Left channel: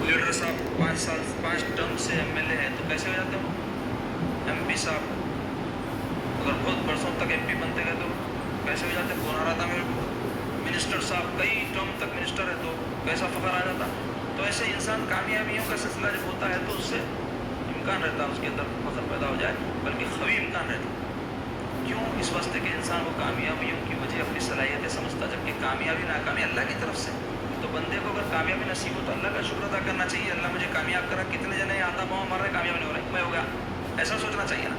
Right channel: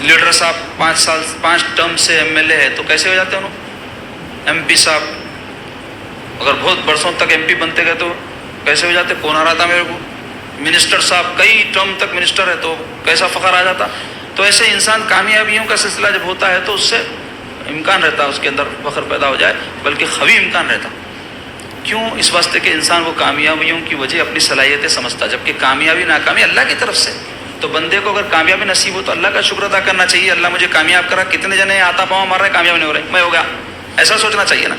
Leader صاحب 5 term سے MLA ہے تو کیسے ہو جاتے ہیں انہوں؟ MP صاحب اگر بہت برسوں تک MP بنتے گئے تو کیسے ہو جاتے؟ کون ہراتا میرے کو؟ منسٹر صاحب کئی ٹرم تک منسٹر ہے تو کیسا فخر آ جاتا؟ تو ایسے انسان کامیابیوں کا سلسلہ جب ہوتا ہے تو اس سے امکان رہتا ہے اس کے اندر فخر پیدا ہو جائے، بلکہ خوی امکان رہتا. کیوں؟ اس واسطے کہ انسان وہ کامیابیوں کی وجہ اپنی صلاحیتیں سمجھتا، جبکہ کامیابی ناکامی اللہ کی طرف سے. تو بندے کو اگر کامیابی نصیب ہو تو اللہ کا شکر ادا کرنا چاہیے. اللہ مجھے کامیاب کرا. کتنے جنے آتا پاؤں مار رہے کامیاب نہیں ہو رہے، میں ہو گیا، ایسا سوچنا چاہیے نا.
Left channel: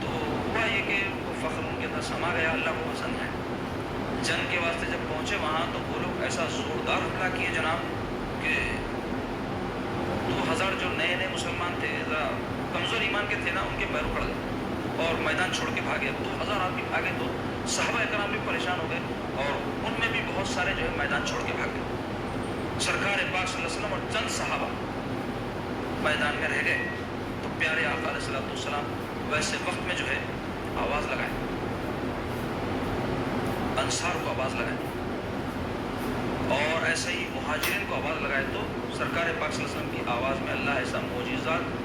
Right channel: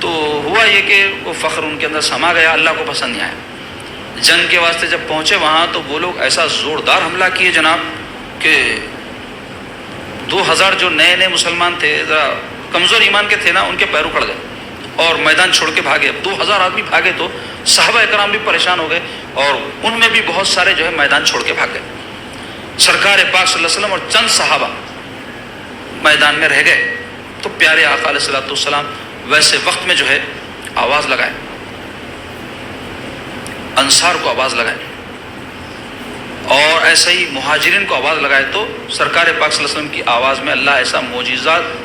تو ہوا یہ کہ وہ فخر ان کے اندر سما گیا، اللہ کو پسند نہیں آیا. جنگ کے واسطے جب پہنچے وہاں تو وہ لوگ ایسا زوردار حملہ کیے جناب کہ 2000 جو نئے مسلمان تھے، ذرا کمزور ایمان کے تھے نا، ان کے پیر اکھڑ گئے اور میدان چھوڑ کے بھاگے. 2000 آدمی بھاگے تو صحابہ اکرام بھی پریشان ہو گئے اور ان میں بھی بہت سارے جو ہے میدان چھوڑ کے بھاگ گئے. سرکار پاک صلی اللہ علیہ وسلم اور چند صحابہ میدان میں رہ گئے. تو پیارے آقا علیہ الصلوۃ والسلام ویسے وقت میں جو ہے آواز لگائے، انصار کو آواز لگائے اور ایسے ہی مہاجرین کو آواز لگائے. تو سرکار پاک صلی اللہ علیہ وسلم کی آواز میں اللہ ایسا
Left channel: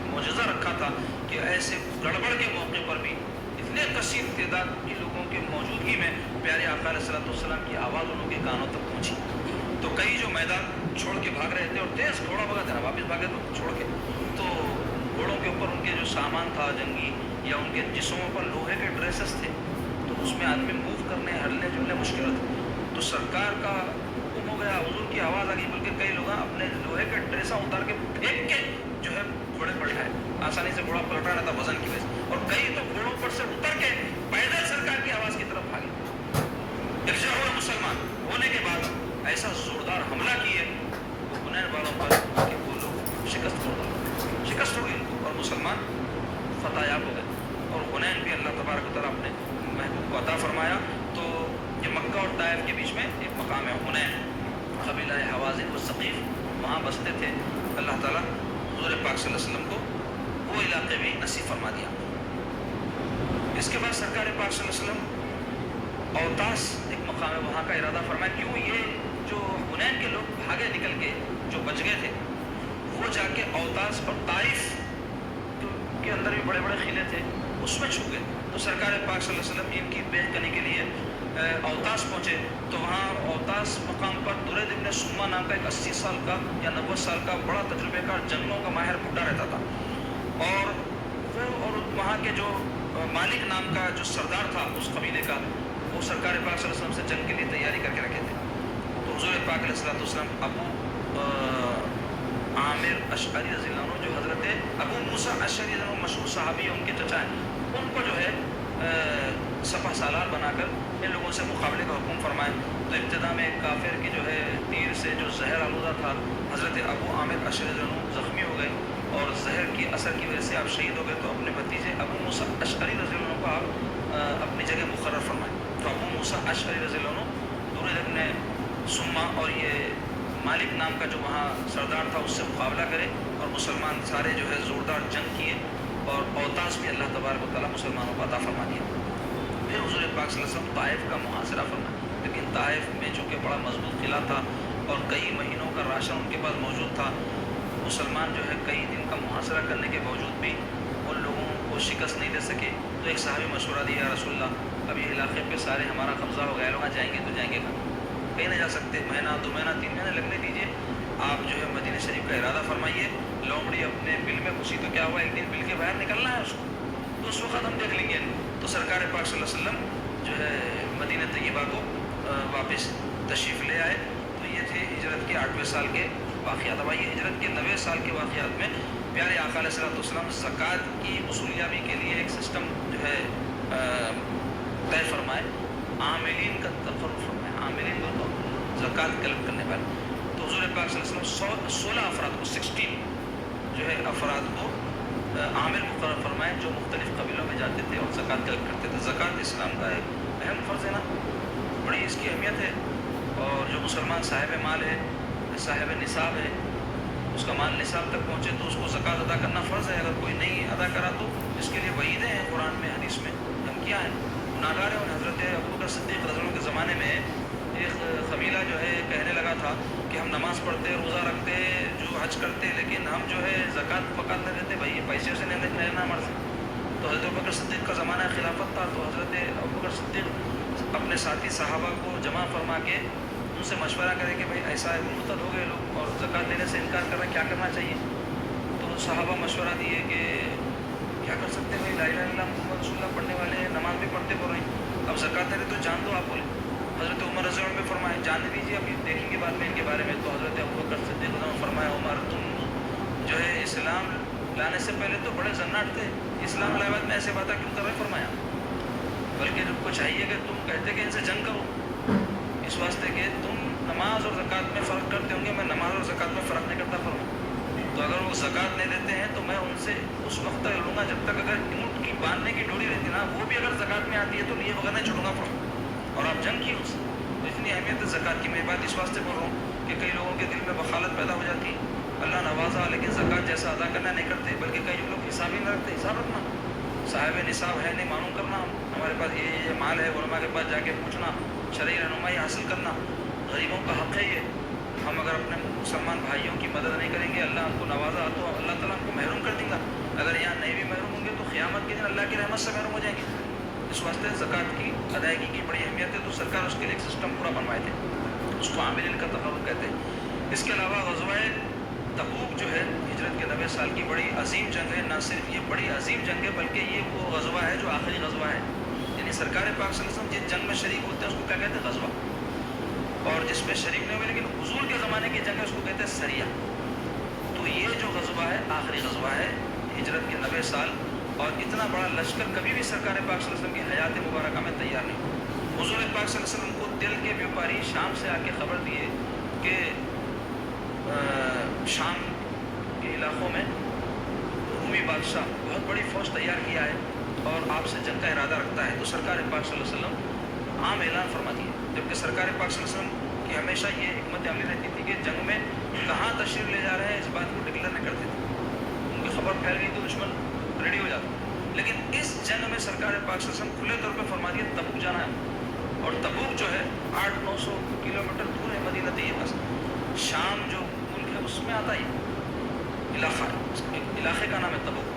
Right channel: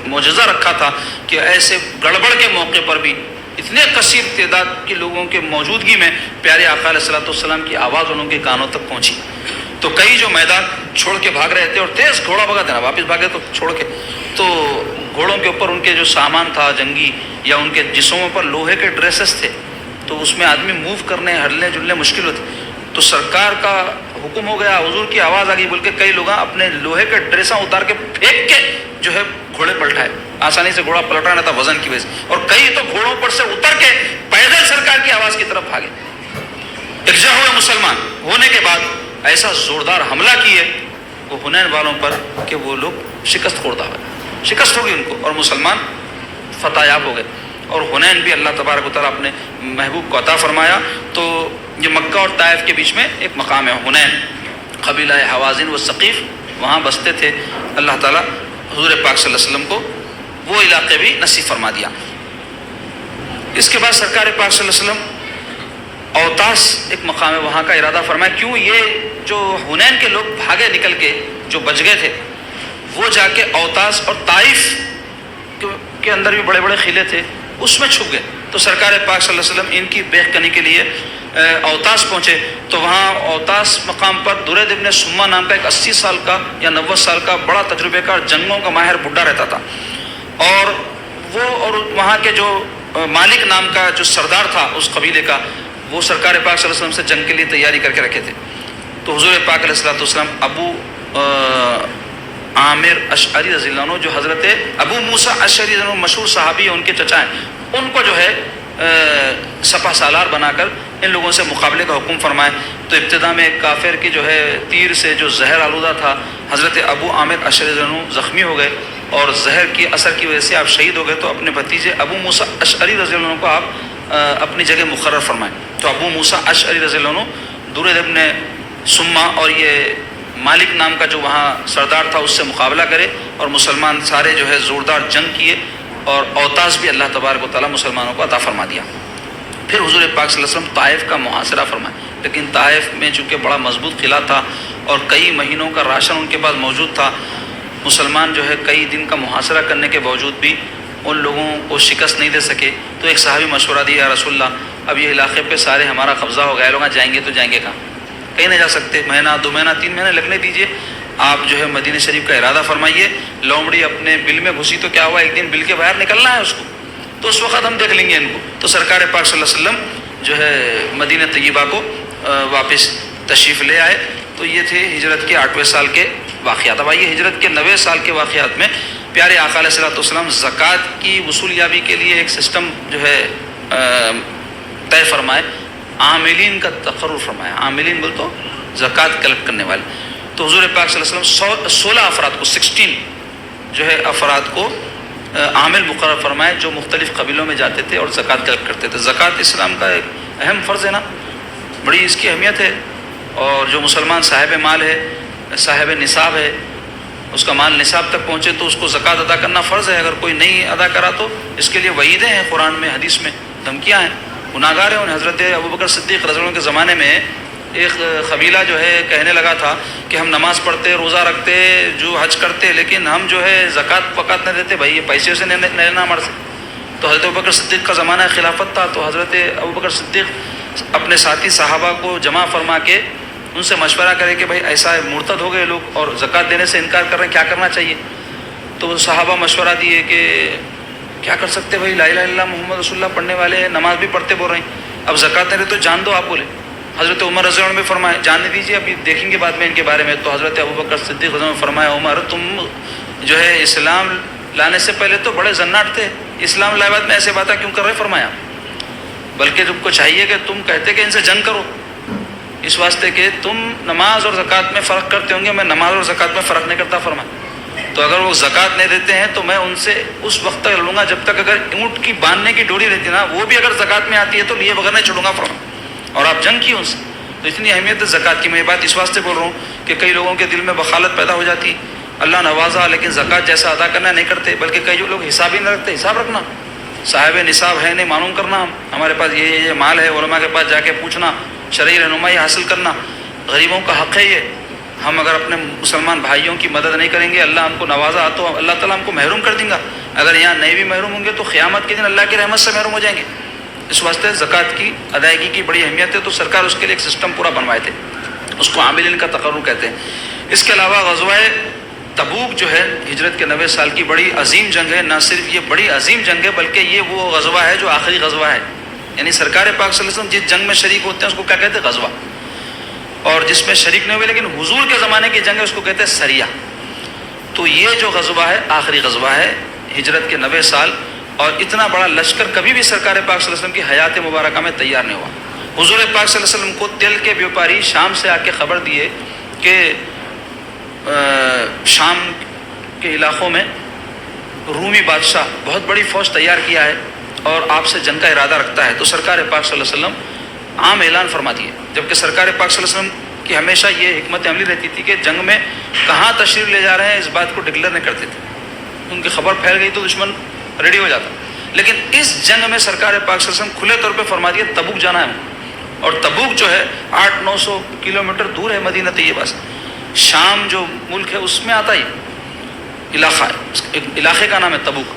معجزہ رکھا تھا کہ ایسے گڑبڑ کے موقع پر بھی اتنے کثیر تعداد کے لوگوں کے موجودگی میں پیارے آقا علیہ الصلوۃ والسلام کی آواز ان کے کانوں تک پہنچی. تو کئی جو میدان چھوڑ کے بھاگ رہے تھے اور تیز گھوڑا بھگا دینا، واپس بھاگے تو چھوڑ کے، تو گھوڑوں کے اوپر ان کے جو سامان تھا جنگی یا ان کے جسموں پر لوہے کے ڈریسز تھے، تو اس میں آدمی موو کرنے ہلنے جلنے مشکل ہوتی. تو سرکار کا حکم ہو گیا، حضور کی آواز آ گئی، بول کے کئی لوگ اپنے لوہے کے ڈریساں اتار کے پھینک کے جو ہے گھوڑے پلٹائے. آسانی سے گھوڑا پلٹا نہ تھا وزن کی وجہ سے، اور کئی تو گھوڑوں پر سے اتر کے پیدل سرکار کی آواز کی طرف بھاگے. اکجا ہوئے مسلمان ہونے کے بعد ایسا زوردار حملہ کیے وہ حنین والوں پر کہ وہ لوگ شکست خوردہ ہوئے، شکست ہو گئی ان کو اور مسلمان فتح یاب ہو گئے. اور حنین بھی اللہ تبارک و تعالیٰ اپنے محبوب کو عطا فرمایا. تو یہ مکہ اور طائف کے بیچ میں ایک مقام ہے حنین، قبیلہ حوازن و ثقیف وہاں بستے تھے. اللہ تعالیٰ حضور پاک صلی اللہ علیہ وسلم کو وہ علاقے بھی نصیب فرما دیا. اس کے بعد سرکار پاک صلی اللہ علیہ وسلم اوتاس ایک مقام ہے وہاں کا ارادہ فرمایا. کیوں؟ یہ جو حنین کے لوگ بھاگے نکل کے جو بچ گئے تھے وہ جا کے اوتاس اور طائف کے اندر بھی بڑے بڑے قلعے تھے اس میں چھپ گئے. تو سرکار پاک صلی اللہ علیہ وسلم ان کی بیخ کنی کے لیے اوتاس پہنچے. تو وہاں اوتاس مقام پر درید ابن سما نام کا ایک 80 سال کا یا 90 سال کا بڑا تجربے کار جنگوں کا ماہر بڈھا رہتا تھا. اور وہ اور وہاں کے جو مالک نام کا جو سردار تھا اس قبیلے کا، وہ سرکار پاک صلی اللہ علیہ وسلم سے جنگ کے لیے تیاری کر کے رکھے تھے. تو حضور پاک علیہ الصلوۃ والسلام ابو عامر اشعری رضی اللہ عنہ، جو حضرت ابو موسیٰ اشعری رضی اللہ عنہ مشہور صحابی ہیں، ان کے چچا ہیں، ان کو جو ہے سپہ سالار بنا کر ان لوگوں سے مقابلے کا حکم فرمائے. تو ابتدا میں ایک کافر کی جو ہے تیر سے جو زہر آلودہ تھا، حضرت ابو عامر اشعری رضی اللہ عنہ زخمی ہو گئے اور زہر کی اثر کی وجہ سے آپ شہید ہو گئے. تو اپنے بھتیجے ابو موسیٰ اشعری رضی اللہ عنہ کو آپ اپنی جگہ مقرر فرمائیں. تو ابو موسیٰ اشعری رضی اللہ عنہ درید ابن سما اور یہ مالک نام کا جو وہاں سردار تھا اس سے مقابلہ کرے اور مسلمان سارے جو ہے زوردار جنگ کیے اور اوتاس بھی اللہ تبارک و تعالیٰ مسلمانوں کو عطا فرما دیا. پھر حضور پاک صلی اللہ علیہ وسلم طائف کا محاصرہ فرمائے. لیکن طائف میں چونکہ بڑا مضبوط قلعہ تھا اور کئی مہینوں کا راشن ان کے پاس موجود تھا، مسلمان جو ہے کئی دن کا محاصرہ کرنے کے باوجود بھی ان لوگوں کو شکست نہیں دے سکے. تو ایک صحابی مشورہ دیا، یا رسول اللہ اب یہ علاقے پہ سارے ہمارا قبضہ ہو گیا، لوگ جائیں گے تو جائیں گے کہاں؟ کہیں نہیں جا سکتے. مہینہ 2 مہینہ 3 مہینے لگنے دیجئے، آپ جو ہے مدینہ شریف کا ارادہ فرمائیے. لومڑی اپنے بل میں گھسی تو کیا ہوا، ایک دن بل کے باہر نکلنا ہے اس کو، تو اس وقت ہم دیکھ لیں گے ان کو. تو سرکار پاک صلی اللہ علیہ وسلم جو ہے مدینہ طیبہ کو واپس تشریف لے آئے. تو یہ تھے ہجرت کے 8ویں سال کے واقعات. اب آئیے ہجرت کے 9ویں سال کے واقعات میں پیارے آقا علیہ الصلوۃ والسلام زکوٰۃ کی وصولیابی کے لیے ایک سسٹم جو ہے طے فرمائے، عاملین کا تقرر فرمایا. عاملین بول تو زکوٰۃ کلیکٹ کرنے والے. تو حضور پاک صلی اللہ علیہ وسلم 16 افراد کو 16 جو ہے افراد کو عامل مقرر فرمائے جو مختلف قبیلوں میں جاتے تھے اور زکوٰۃ کلیکٹ کرتے تھے. زکوٰۃ اسلام کا ایک اہم فرض ہے نا، بڑی اس کی اہمیت ہے. اور جو مسلمان صاحب مال ہے، صاحب نصاب ہے، اس کا مال نصاب تک پہنچے تو اس کو زکوٰۃ ادا کرنا فرض ہے. اگر کوئی نہیں ادا کرا تو اس کے لیے وعیدیں ہیں قرآن میں، حدیث میں دھمکیاں ہیں، گناہ گار ہیں. حضرت ابوبکر صدیق رضی اللہ عنہ کے زمانے میں ایک قبیلہ جو ہے کہنے لگا تھا کہ ہم نماز پڑھتے، روزہ رکھتے، جو حج کرتے، لیکن ہم جو ہے زکوٰۃ وقات نہ دیتے، بھائی یہ پیسے سے نہیں لینا ہمارے سے. تو حضرت ابوبکر صدیق کا زمانہ خلافت تھا، تو حضرت ابوبکر صدیق اپنے ساتھی صحابہ کو جمع فرما کے ان سے مشورہ کرے کہ بھائی ایسا ہے، مرتد ہو گئے لوگ اور زکوٰۃ دینے سے انکار کر رہے ہیں، کیا کرنا چاہیے. تو صحابہ مشورہ دیے کہ کیا کر سکتے بھائی، لا الہ الا اللہ محمد رسول اللہ پڑھنے والے ہیں، نماز بھی پڑھتے بول رہے ہیں، اب زکوٰۃ دے رہے تو جان دو آپ بولے. حضرت عمر رضی اللہ عنہ بھی فرمائے جاننے دیجیے، ابھی دیکھیں گے بعد میں ان کے بارے میں. تو حضرت ابوبکر صدیق رضی اللہ عنہ فرمایا عمر تم جو ہے اسلام لانے سے پہلے تو بڑے زناٹ تھے، اسلام لائے بعد میں ایسے باتیں کیوں کر رہے. فرمایا بلکہ تم کو چاہیے کہ تم کہتے کہ ان سے جنگ کرو، اس واسطے کہ تم نماز اور زکوٰۃ میں فرق کرتے ہوں گے، میں نماز اور زکوٰۃ میں فرق نہیں کرتا. فرمایا تو اگر وہ زکوٰۃ نہیں دیتے ہیں تو میں ان سے اس وقت تک لڑوں گا جب تک اگر اونٹ کی باندھنے کی ڈوری رہتی نا وہ بھی اگر زکوٰۃ میں آتی ہے تو لیے بغیر نہیں چھوڑوں گا. فرمایا اور آپ جنگ کی ان سے. تو اتنی اہمیت ہے زکوٰۃ کی. میں یہ بات اس واسطے بول رہا ہوں کہ کئی لوگوں کے دل میں بخالت پیدا ہو جاتی، اللہ نوازا لیکن زکوٰۃ جیسا ادا کرنا نہیں کرتے، بلکہ کئی جو لوگ حساب ہی نہیں رکھتے. حساب رکھنا، صاحب نصاب ہے نہیں معلوم کرنا، ہمارے پاس یہ مال ہے، علماء کے پاس جا کے پوچھنا، شرعی رہنمائی حاصل کرنا، غریبوں کا حق ہے یہ. ہم اگر اپنے مسلمان بھائیوں کی مدد نہیں کریں گے، اللہ ہم کو نوازا تو اللہ تعالیٰ ہم کو محروم کر دیں گا. اگر یہاں نہیں بھی محروم ہوں گے تو قیامت کے دن اللہ کی رحمت سے محروم ہو جائیں گے. اس واسطے زکوٰۃ کی ادائیگی کی بڑی اہمیت ہے. تو سرکار اس کے لیے ایک سسٹم پورا بنوائے تھے، اس کو عاملین کا تقرر کہتے ہیں. اس کے علاوہ غزوہ تبوک جو ہے ہجرت کے 90 سال کی بڑی عظیم جنگ ہے. نہ صرف یہ بڑی عظیم جنگ ہے بلکہ یہ وہ غزوہ ہے جو آخری غزوہ ہے. یعنی سرکار پاک صلی اللہ علیہ وسلم جس جنگ میں شریک ہوتے ہیں اس کو کیا کہتے ہیں؟ غزوہ. اور جس میں شریک نہیں ہوئے لیکن حضور کے زمانے کی جنگ ہے اس کو کہتے ہیں سریہ. تو یہ جو غزوہ ہے آخری غزوہ ہے ہجرت کے 90 سال. اور اتنا بڑا لشکر کبھی بھی سرکار پاک صلی اللہ علیہ وسلم کی حیات مبارکہ میں تیار نہیں ہوا. حضور پاک صلی اللہ علیہ وسلم کو تیل کے بیوپاری شام سے آ کے خبر دیے کہ شام کے علاقوں میں رومی بادشاہ بہت بڑی فوج تیار کیا ہے اور آپ سے جنگ کا ارادہ رکھتا ہے. تو سرکار پاک صلی اللہ علیہ وسلم عام اعلان فرما دیے. جبکہ سرکار پاک صلی اللہ علیہ وسلم کی ہمیشہ یہ حکمت عملی رہتی تھی کہ جنگ میں کہاں تشریف لے جا رہے ہیں اس بات کو ڈکلیئر نہیں کرتے تھے. ان کی خبر پھیل گئی تو دشمن ریڈی ہو جاتا. لیکن اس جنگ میں سرکار پاک صلی اللہ علیہ وسلم کھلے طور پہ فرما دیے تبوک جانا ہے. اور تبوک جو ہے 800-900 کلومیٹر دور ہے مدینہ طیبہ سے. شام جو ملک ہے اس میں آتا ہی علاقہ ہے، ایک علاقے کا نام ہے تبوک.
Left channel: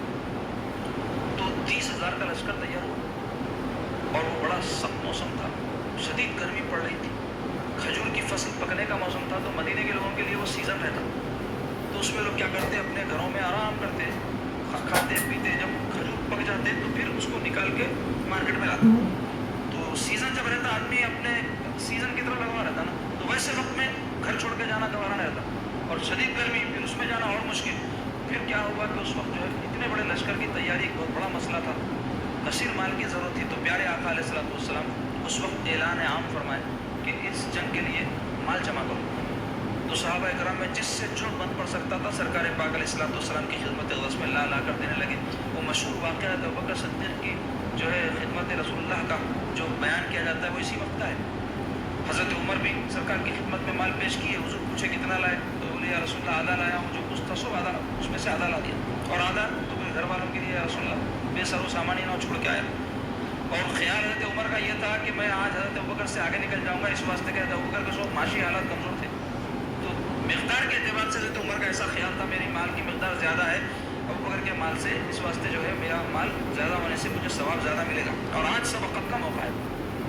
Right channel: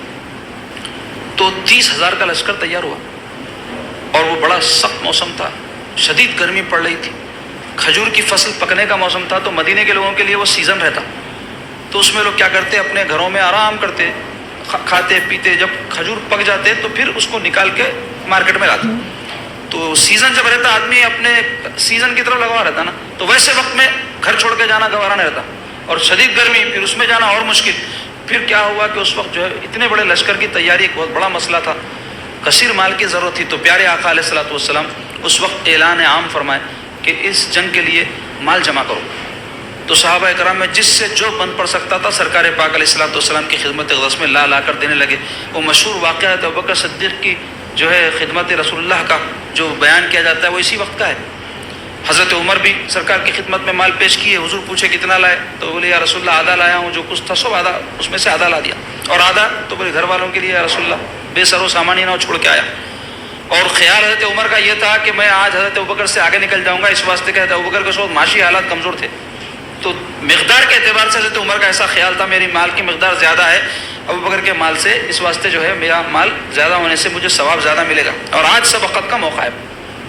تو 30,000 کا لشکر تیار ہوا اور وہ بڑا سخت موسم تھا، شدید گرمی پڑ رہی تھی، کھجور کی فصل پکنے کا موسم تھا. تو مدینے کے لوگوں کے لیے وہ سیزن رہتا. تو اس میں لوگ کیا کرتے، اپنے گھروں میں آرام کرتے، کھاتے پیتے، جب کھجور پک جاتے تو پھر اس کو نکال کے مارکیٹ میں لاتے. تو سیزن جب رہتا آدمی اپنے سیزن کی طرف لگا رہتا نا، تو ویسے وقت میں گھر چھوڑ کے جانا گوارا نہیں رہتا. اور شدید گرمی، پھر اس میں جانا اور مشکل. پھر کیا ہوا کہ اس وقت جو ہے اتنے بڑے لشکر کی تیاری ایک بہت بڑا مسئلہ تھا، کثیر مال کی ضرورت تھی. تو پیارے آقا علیہ الصلوۃ والسلام اس وقت اعلان عام فرمائے کہ اس جنگ کے لیے مال جمع کرو. تو صحابہ کرام میں جس سے جو بن پڑ سکتا تھا سرکار پاک علیہ الصلوۃ والسلام کی خدمت اقدس میں لا کر دینے لگے. وہ مشہور واقعہ ہے ابوبکر صدیق کی جو ہے خدمت رسول اللہ کا جو بیان کیا جاتا ہے وہ اسی وقت کا ہے. حضرت عمر بھی سرکار کی خدمت میں مال پیش کیے. حضور پوچھے کتنا لائے؟ تو بولے یا رسول اللہ آدھا لایا ہوں، جو کچھ تھا سب آدھا، اس میں سے آدھا لا دیا. اور آدھا تو بولے گھر والوں کے لیے یا رسول اللہ بے سر و سامان ہی نہ چھوڑ کے آیا. اور خیال حضرت عمر کا یہ تھا کہ میں آج حضرت ابوبکر سے آگے نکل جاؤں گا، اس واسطے کہ حضرت ابوبکر کے ساتھ معاشی حالات کمزور تھے. تو مقدار کے اعتبار سے حضرت عمر کا ایسا خیال تھا میری مال کی مقدار زیادہ ہے ابوبکر کے مال سے، اس واسطے جو ہے میرا مال زیادہ ہونے سے مجھے ثواب زیادہ ملے گا. اور آج سبقت کا موقع ہے،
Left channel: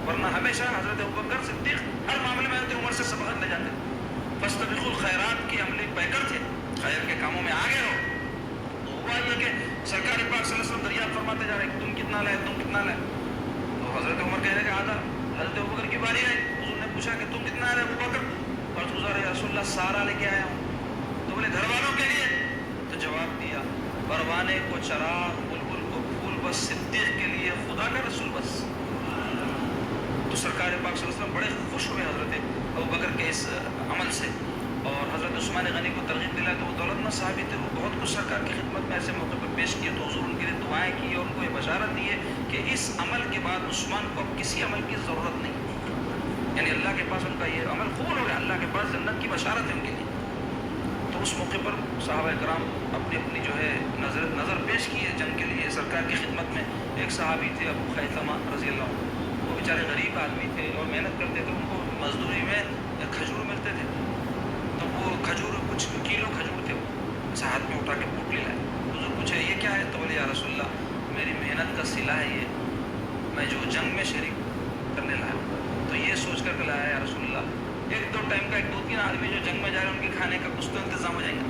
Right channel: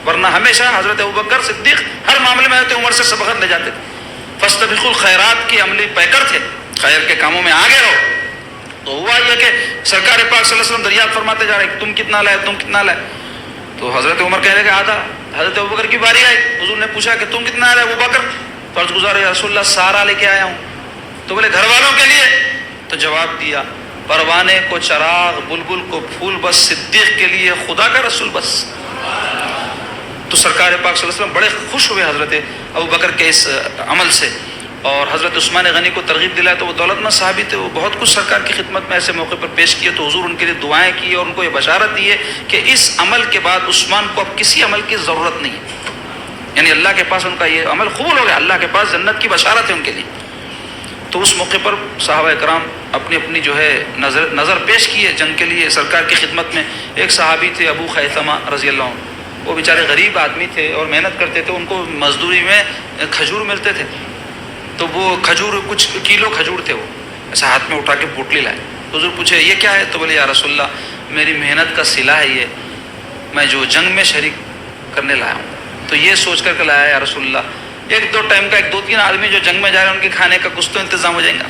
ورنہ ہمیشہ حضرت ابوبکر صدیق ہر معاملے میں حضرت عمر سے سبقت لے جاتے تھے. فاستبقوا الخیرات کی عملی پیکر تھے، خیر کے کاموں میں آگے رہو. تو ہوا یہ کہ سرکار پاک صلی اللہ علیہ وسلم دریافت فرماتے جا رہے کہ تم کتنا لائے، تم کتنا لائے. تو حضرت عمر کہہ رہے کہ آدھا. حضرت ابوبکر کی باری آئی، حضور نے پوچھا کہ تم کتنا لائے ابوبکر؟ فرض گزار یا رسول اللہ سارا لے کے آیا ہوں. تو بولے گھر والوں کے لیے؟ تو جواب دیا پروانے کو چراغ، بلبل کو پھول، بس صدیق کے لیے خدا کا رسول بس. تو سرکار پاک صلی اللہ علیہ وسلم بڑے خوش ہوئے حضرت ابوبکر کے اس عمل سے. اور حضرت عثمان غنی کو ترغیب دلایا. تو وہ دولت مند صحابی تھے، وہ بہت کچھ سرکار کی خدمت میں ایسے موقع پر پیش کیے. تو حضور ان کے لیے دعائیں کی اور ان کو یہ بشارت دی ہے کہ اس عمل کے بعد عثمان کو اب کسی عمل کی ضرورت نہیں ہے. یعنی اللہ کے پاس ان کا یہ عمل قبول ہو گیا، اللہ کے پاس جنت کی بشارت ہے ان کے لیے. تو اس موقع پر صحابہ کرام اپنی اپنی جو ہے نظر پیش کیے جنگ کے لیے سرکار کی خدمت میں. ایک صحابی تھے ابو خیثمہ رضی اللہ عنہ، وہ بیچارے غریب آدمی تھے اور محنت کرتے تھے, ان کو مزدوری میں کھجور ملتے تھے, تو وہ کھجور کچھ کلو کھجور تھے, وہ ایسا ہاتھ میں اٹھا کے پوٹلی لائے. حضور پوچھے یہ کیا ہے؟ تو بولے یا رسول اللہ میری محنت کا صلہ ہے یہ, میں جو جنگ میں شریک کرنے لایا ہوں, تو یہ سوچ کر کے لایا یا رسول اللہ, ایک دو ٹائم کا 2-3 آدمی جو جنگ میں جا رہے ہیں ان کے کھانے کا کچھ تو انتظام ہو جائے گا.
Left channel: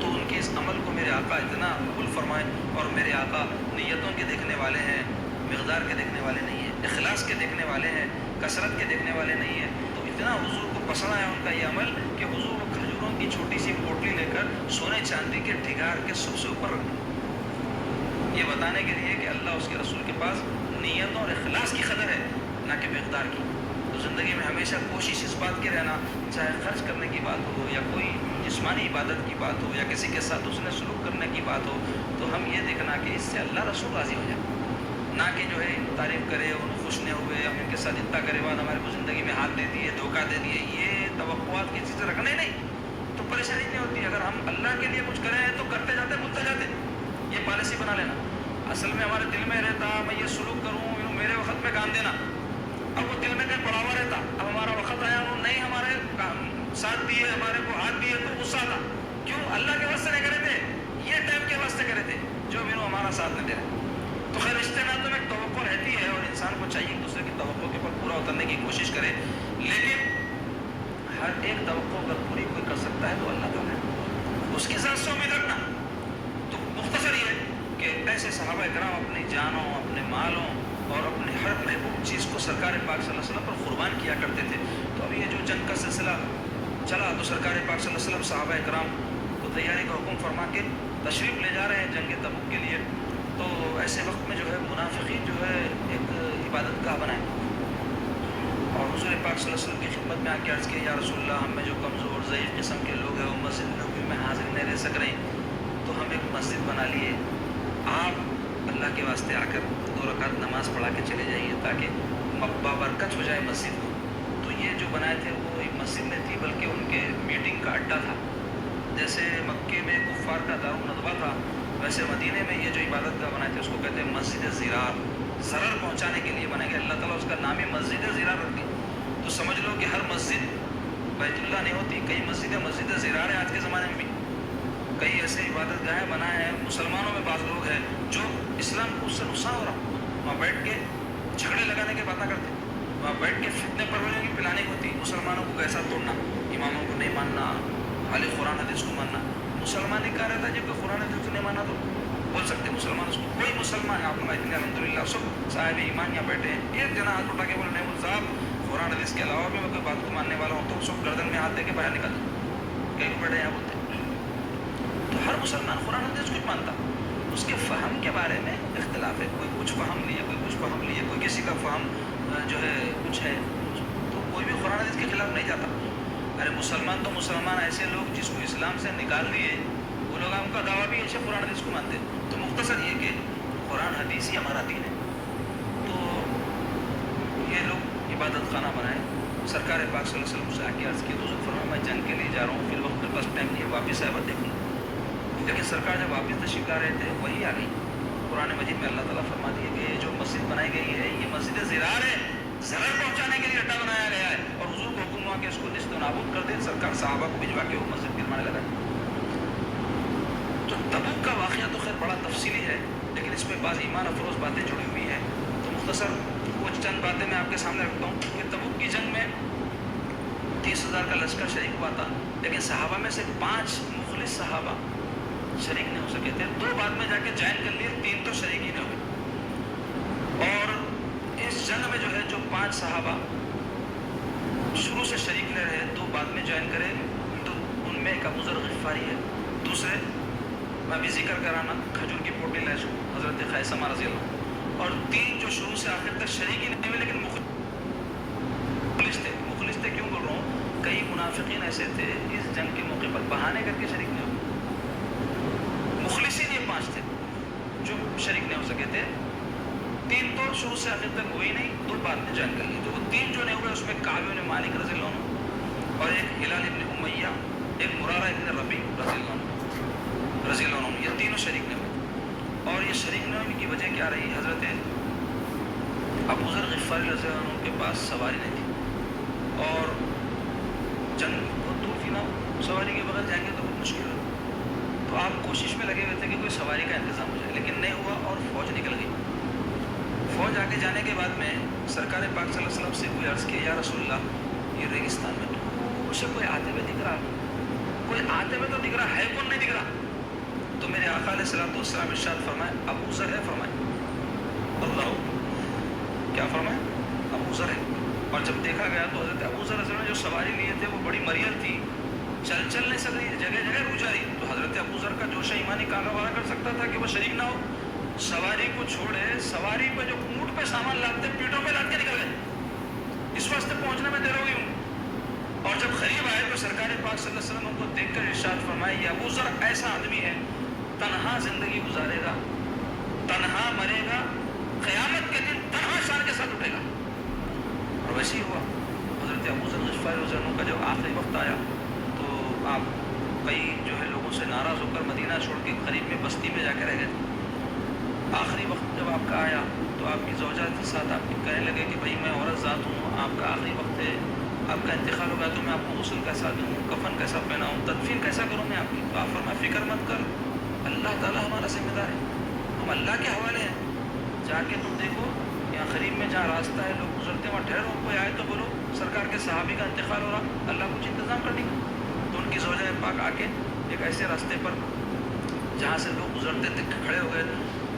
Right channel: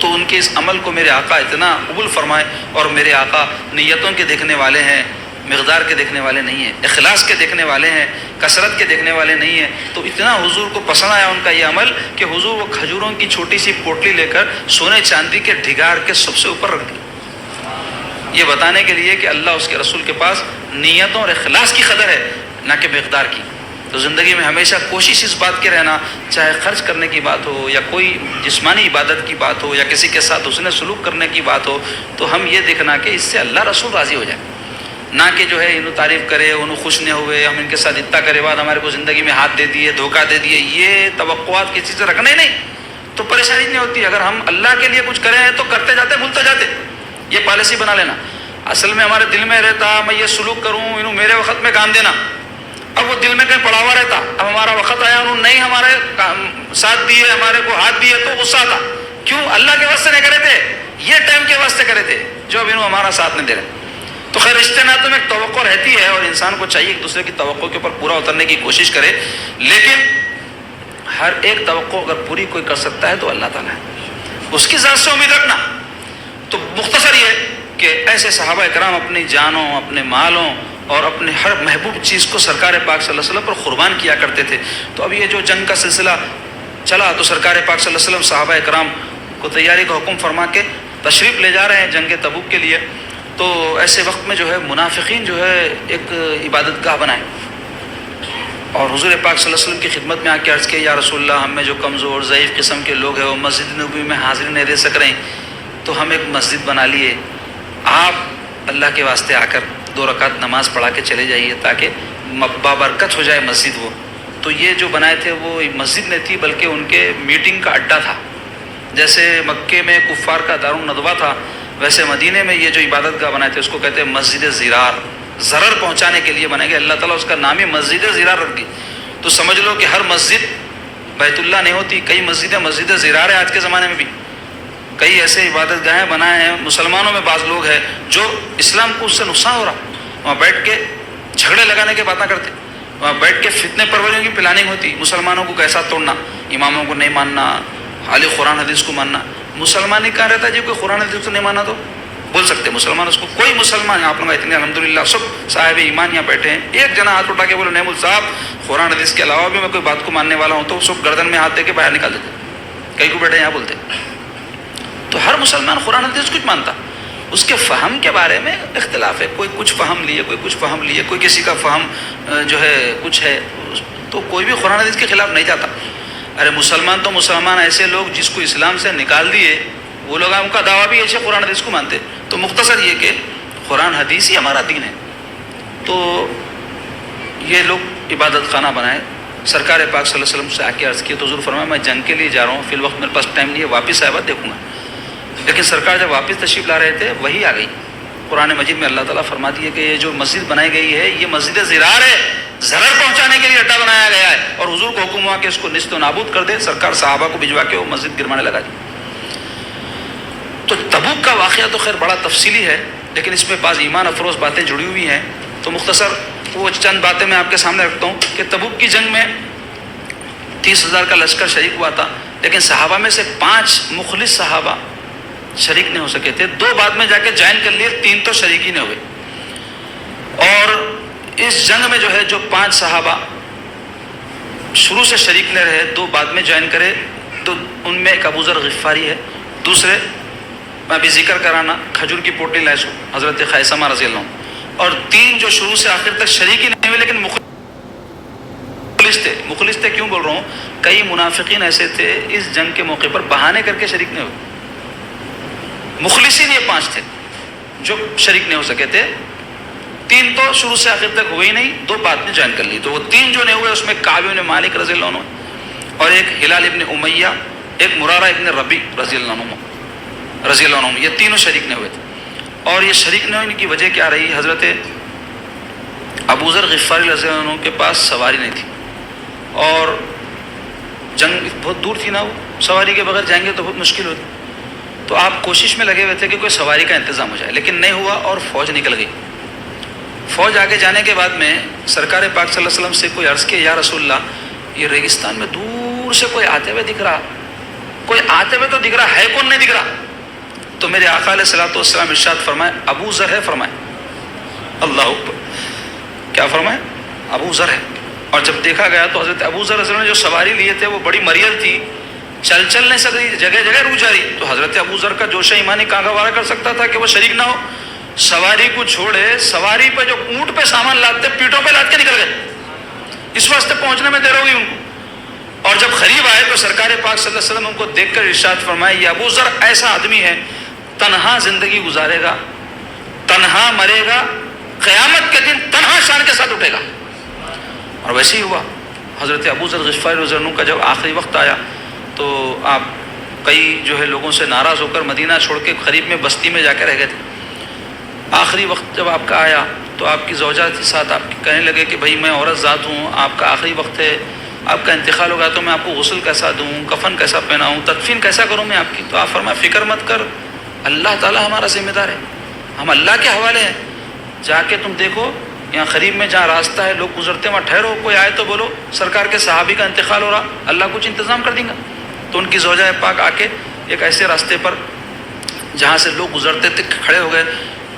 تو ان کے اس عمل کو میرے آقا اتنا قبول فرمائے, اور میرے آقا نیتوں کے دیکھنے والے ہیں, مقدار کے دیکھنے والے نہیں ہیں, اخلاص کے دیکھنے والے ہیں, کثرت کے دیکھنے والے نہیں ہیں. تو اتنا حضور کو پسند آیا ان کا یہ عمل کہ حضور وہ کھجوروں کی چھوٹی سی پوٹلی لے کر سونے چاندی کے ڈھگار کے سب سے اوپر رکھ دی, یہ بتانے کے لیے کہ اللہ اس کے رسول کے پاس نیتوں اور اخلاص کی قدر ہے, نہ کہ مقدار کی. تو زندگی میں ہمیشہ کوشش اس بات کے رہنا, چاہے خرچ کرنے کی بات ہو یا کوئی جسمانی عبادت کی بات ہو یا کسی کے ساتھ حسن سلوک کرنے کی بات ہو, تو ہم یہ دیکھنا کہ اس سے اللہ رسول راضی ہو جائے, نہ کہ جو ہے انہوں تعریف کرے, انہوں خوش نہ ہوئے, ہم ان کے ساتھ اتنا کرے بعد ہمارے کو زندگی میں ہاتھ دے دیے, دھوکہ دے دیے. یہ توقعات کی چیزیں رکھنا ہی نہیں تو پریشانی نہیں ہوتی. اگر ہم اللہ کے لیے کچھ کریں تو کرتے جاتے بھولتے جاتے, یہ پالیسی بنا لینا. اصل میں ہمارے دل میں رہتا میں یہ سلوک کروں, انہوں میرے وقت میں کام دینا, اب وہ دل میں کہیں پڑا ہوا رہتا, اب ہمارا وقت آیا انہوں نہیں ہمارے ساتھ دیے, ہمارے کو ہاتھ دیے, تو غصہ آتا. کیوں؟ اللہ کے واسطے نہیں کرے تھے, یہ ٹائم کے واسطے کرے تھے جو اب انہوں ہمارا ساتھ نہیں دے رہے. تو خیر رشتے ناطوں میں ایک توقع رہتی ہے اور انسان کو چاہیے ایک دوسرے کی توقع کے اوپر پورا اترنے کی کوشش کرے, لیکن ہر ایک توقع اگر پوری کوئی کر سکتا ہے تو اللہ تعالیٰ ہے, اس کی ذات سے امید رکھنا. تو مختصر یہ کہ ایسے صحابہ اکرام اپنی جانوں, اپنے مالوں اور اپنے ہر محبوب چیز کو سرکار پاک صلی اللہ علیہ وسلم پر قربان کیا کرتے تھے. تو اب یہ جو جنگ کا سلسلہ چلا تو سرکار پاک صلی اللہ علیہ وسلم صحابہ اکرام کو تیاری کا حکم فرما کے تشریف لے جا رہے ہیں جنگ تبوک کے لیے. تو ایسے وقت میں جو ہے منافقین جو ہے ایک عبادت گاہ بنائے اور حضور پاک صلی اللہ علیہ وسلم کی خدمت میں آ کے عرض کیا یا رسول اللہ ہم میں جو کمزور ضعیف قسم کے لوگ ہیں وہ مسجد نبوی میں حاضری نہیں دے سک رہے ہیں, تو ہم ایک مسجد بنا لیے, آپ اللہ کے واسطے آ کر 2 رکعت نماز پڑھا کے چلے جائیے تاکہ بابرکت ہو جائے مسجد. وہ تو یہ جو بنائے تھے وہ مسجد نہیں تھی بلکہ ان کے میٹنگ کا اڈا تھا. جیسے مکے میں کفار کا دارالندوہ تھا, ویسے مدینے میں یہ جو عبادت گاہ بنائے تھے اس کو کہتے ہیں مسجد زرار, ضرر پہنچانے کے لیے بنے گا. اللہ تعالیٰ اس کا نام ہی مسجد زرار رکھ دی. تو سمجھ لو کہ ہر مسجد بیت اللہ نہیں ہوتی, کئی مسجدیں مسجد زرار ہے. آج کے زمانے میں بھی کئی ایسے عبادت گاہیں بنائے ہیں, مسلمانوں میں بعض لوگ ہیں جو اسلام کو اس سے نقصان ہو رہا, وہاں بیٹھ کے جھگڑے لگانے کی باتیں کرتے, وہاں بیٹھ کے فتنے پروریوں کی پلاننگ ہوتی, مسلمانوں کو کیسا توڑنا, اماموں کو نہیں ماننا, خالی قرآن حدیث کو ماننا. مسلمان ہی کہاں رہتا ہے جی کوئی قرآن حدیث کو نہیں مانا تو بول سکتے مسلمان اس کو, کوئی مسلمان آپ لوگ اتنے الحمدللہ سب صاحب ایمان یہاں بیٹھے ہیں, ایک جنا ہاتھ اٹھا کے بولے نہیں صاحب قرآن حدیث کے علاوہ بھی میں کوئی بات کو ماننے والا ہوں, تو سب گردن میں ہاتھ دے کے باہر نکال دیتے. کئی کو بیٹھے یہاں بولتے. تو ہر مسلمان قرآن حدیث کچھ مانتا, اس کے فہم کے بارے میں اختلاف ہے, کوئی کچھ فہم لیے, کوئی کچھ فہم لیے, کوئی کسی کا فہم جو ہے کچھ ہے, تو کوئی بھی قرآن حدیث کے خلاف نہیں جاتا. ارے مسلمان تو مسلمان ایسے لوگ جس کو اسلام سے نکال دیے وہ لوگ ان کا دعویٰ بھی ایسے قرآن حدیث کو مانتے. تو مختصر یہ کہ قرآن حدیث ہی ہمارا دین ہے. تو یہ لوگ عبادت خانہ بنائے, سرکار پاک صلی اللہ علیہ وسلم سے آ کے عرض کی تو حضور فرمایا میں جنگ کے لیے جا رہا ہوں, فی الوقت میرے پاس ٹائم نہیں ہے, واپس آئے بعد دیکھوں گا. لیکن سرکار جب واپس تشریف لا رہے تھے وہی آ گئی. قرآن مجید میں اللہ تعالیٰ فرماتی ہے کہ یہ جو مسجد بنائی گئی ہے یہ مسجد زرار ہے, ضرر پہنچانے کے لیے اڈا بنایا گیا ہے, اور حضور کو حکم ہوا کہ اس کو نیست و نابود کر دے. سرکار صحابہ کو بھجوا کے وہ مسجد گروانے لگا دی. تو تبوک کا واقعہ تو خیر بڑا تفصیلی ہے, لیکن اس میں بعض ایمان افروز باتیں جڑی ہوئی ہیں. تو مختصر وہ چند باتیں میں آپ کے سامنے رکھتا ہوں کہ تبوک کی جنگ میں 30,000 کا لشکر شریک ہوا تھا, لیکن صحابہ میں سے 5 مخلص صحابہ شریک نہیں ہو سکے تھے. 2 بعد میں جا کے جوائن کر لیے, 3 تو شریک ہی نہیں ہوئے. اور اس جنگ میں جو ہے جو 5 صحابہ شروع سے شریک نہیں رہے, 2 بعد میں جوائن کرے, تو ان میں ایک ابو ذر غفاری ہے, دوسرے میں ابھی ذکر کرانا کھجور کی پوٹلی لائے سو حضرت خیثمہ رضی اللہ عنہ, اور 3 جو شروع سے آخر تک شریک ہی نہیں ہوئے لیکن مخلص تھے. مخلص تھے کیوں بول رہا ہوں, کئی منافقین ایسے تھے اس جنگ کے موقع پر بہانے کر کے شریک نہیں ہوئے. مخلصین یہ 5 تھے جو شریک نہیں ہو سکے تھے, 3 تو شروع سے آخر تک ہوئے ہی نہیں, 2 بعد میں جوائن کر لی. تو وہ 3 جو نہیں ہوئے اس میں کعب بن مالک رضی اللہ عنہ, اور ایک ہلال ابن امیہ, ایک مرارہ ابن ربیع رضی اللہ عنہ, یہ تینوں شریک نہیں ہوئے تھے. اور یہ شریک نہیں ہونے کی وجہ کیا رہی, حضرت ابو ذر غفاری رضی اللہ عنہ کے پاس سواری نہیں تھی اور جنگ بہت دور تھی نا، وہ سواری کے بغیر جائیں گے تو بہت مشکل ہوتی، تو آپ کوشش میں لگے ہوئے تھے کہ کوئی سواری کا انتظام ہو جائے، لیکن نہیں ہوا اور فوج نکل گئی۔ فوج آگے جانے کے بعد میں سرکار پاک صلی اللہ علیہ وسلم سے کوئی عرض کیا، یا رسول اللہ یہ ریگستان میں دور سے کوئی آتے ہوئے دکھ رہا، کوئی آتے ہوئے تو دکھ رہا ہے، کون نہیں دکھ رہا؟ تو میرے آقا علیہ الصلوۃ والسلام ارشاد فرمائے ابو ذر ہے، فرمائے اللہ اکبر، کیا فرمائے؟ ابو ذر ہے۔ اور جب دیکھا گیا تو حضرت ابو ذر رضی اللہ عنہ جو سواری لیے تھے وہ بڑی مریل تھی، چل نہیں سکتی، جگہ جگہ رک جا رہی، تو حضرت ابو ذر کا جوش ایمانی کہاں گوارا کر سکتا تھا کہ وہ شریک نہ ہو؟ سواری کو چھوڑے، سواری پہ جو اونٹ پہ سامان لاتے پیٹوں پہ لاد کے نکل گئے، اس واسطے پہنچنے میں دیر ہو گئی ان کو۔ اور جب قریب آئے تو سرکار پاک صلی اللہ علیہ وسلم ان کو دیکھ کر ارشاد فرمائے یہ ابو ذر ایسا آدمی ہے تنہا زندگی گزارے گا، تنہا مرے گا، قیامت کے دن تنہا شان کے ساتھ اٹھے گا۔ اور ویسے ہی ہوا۔ حضرت ابو ذر غفاری رضی اللہ عنہ کا جب آخری وقت آیا تو آپ کئی جو ہے لوگوں سے ناراض ہو کر مدینہ چھوڑ کے قریب میں بستی میں جا کے رہ گئے تھے۔ آخری وقت جب آپ کا آیا تو آپ کی زوجہ کے ساتھ آپ کہنے لگے کہ بھائی میں عورت ذات ہوں، آپ کا آخری وقت ہے، آپ کا انتقال ہوگا تو میں آپ کو غسل کیسا دوں، کفن کیسا پہناؤں، تدفین کیسا کروں میں آپ کی؟ تو آپ فرمایا فکر مت کر، اللہ تعالیٰ ہمارا ذمہ دار ہے، ہم اللہ کے حوالے ہیں، جا کے تم دیکھو یہاں قریب میں جہاں راستہ ہے لوگ گزرتے وہاں ٹھہرو، کوئی آئے تو بولو سرکار کے صحابی کا انتقال ہو رہا، اللہ کچھ انتظام کر دیں گا۔ تو ان کی زوجہ پاک آ کے ایک ایسے راستے پر جہاں سے لوگ گزرتے تھے کھڑے ہو گئے،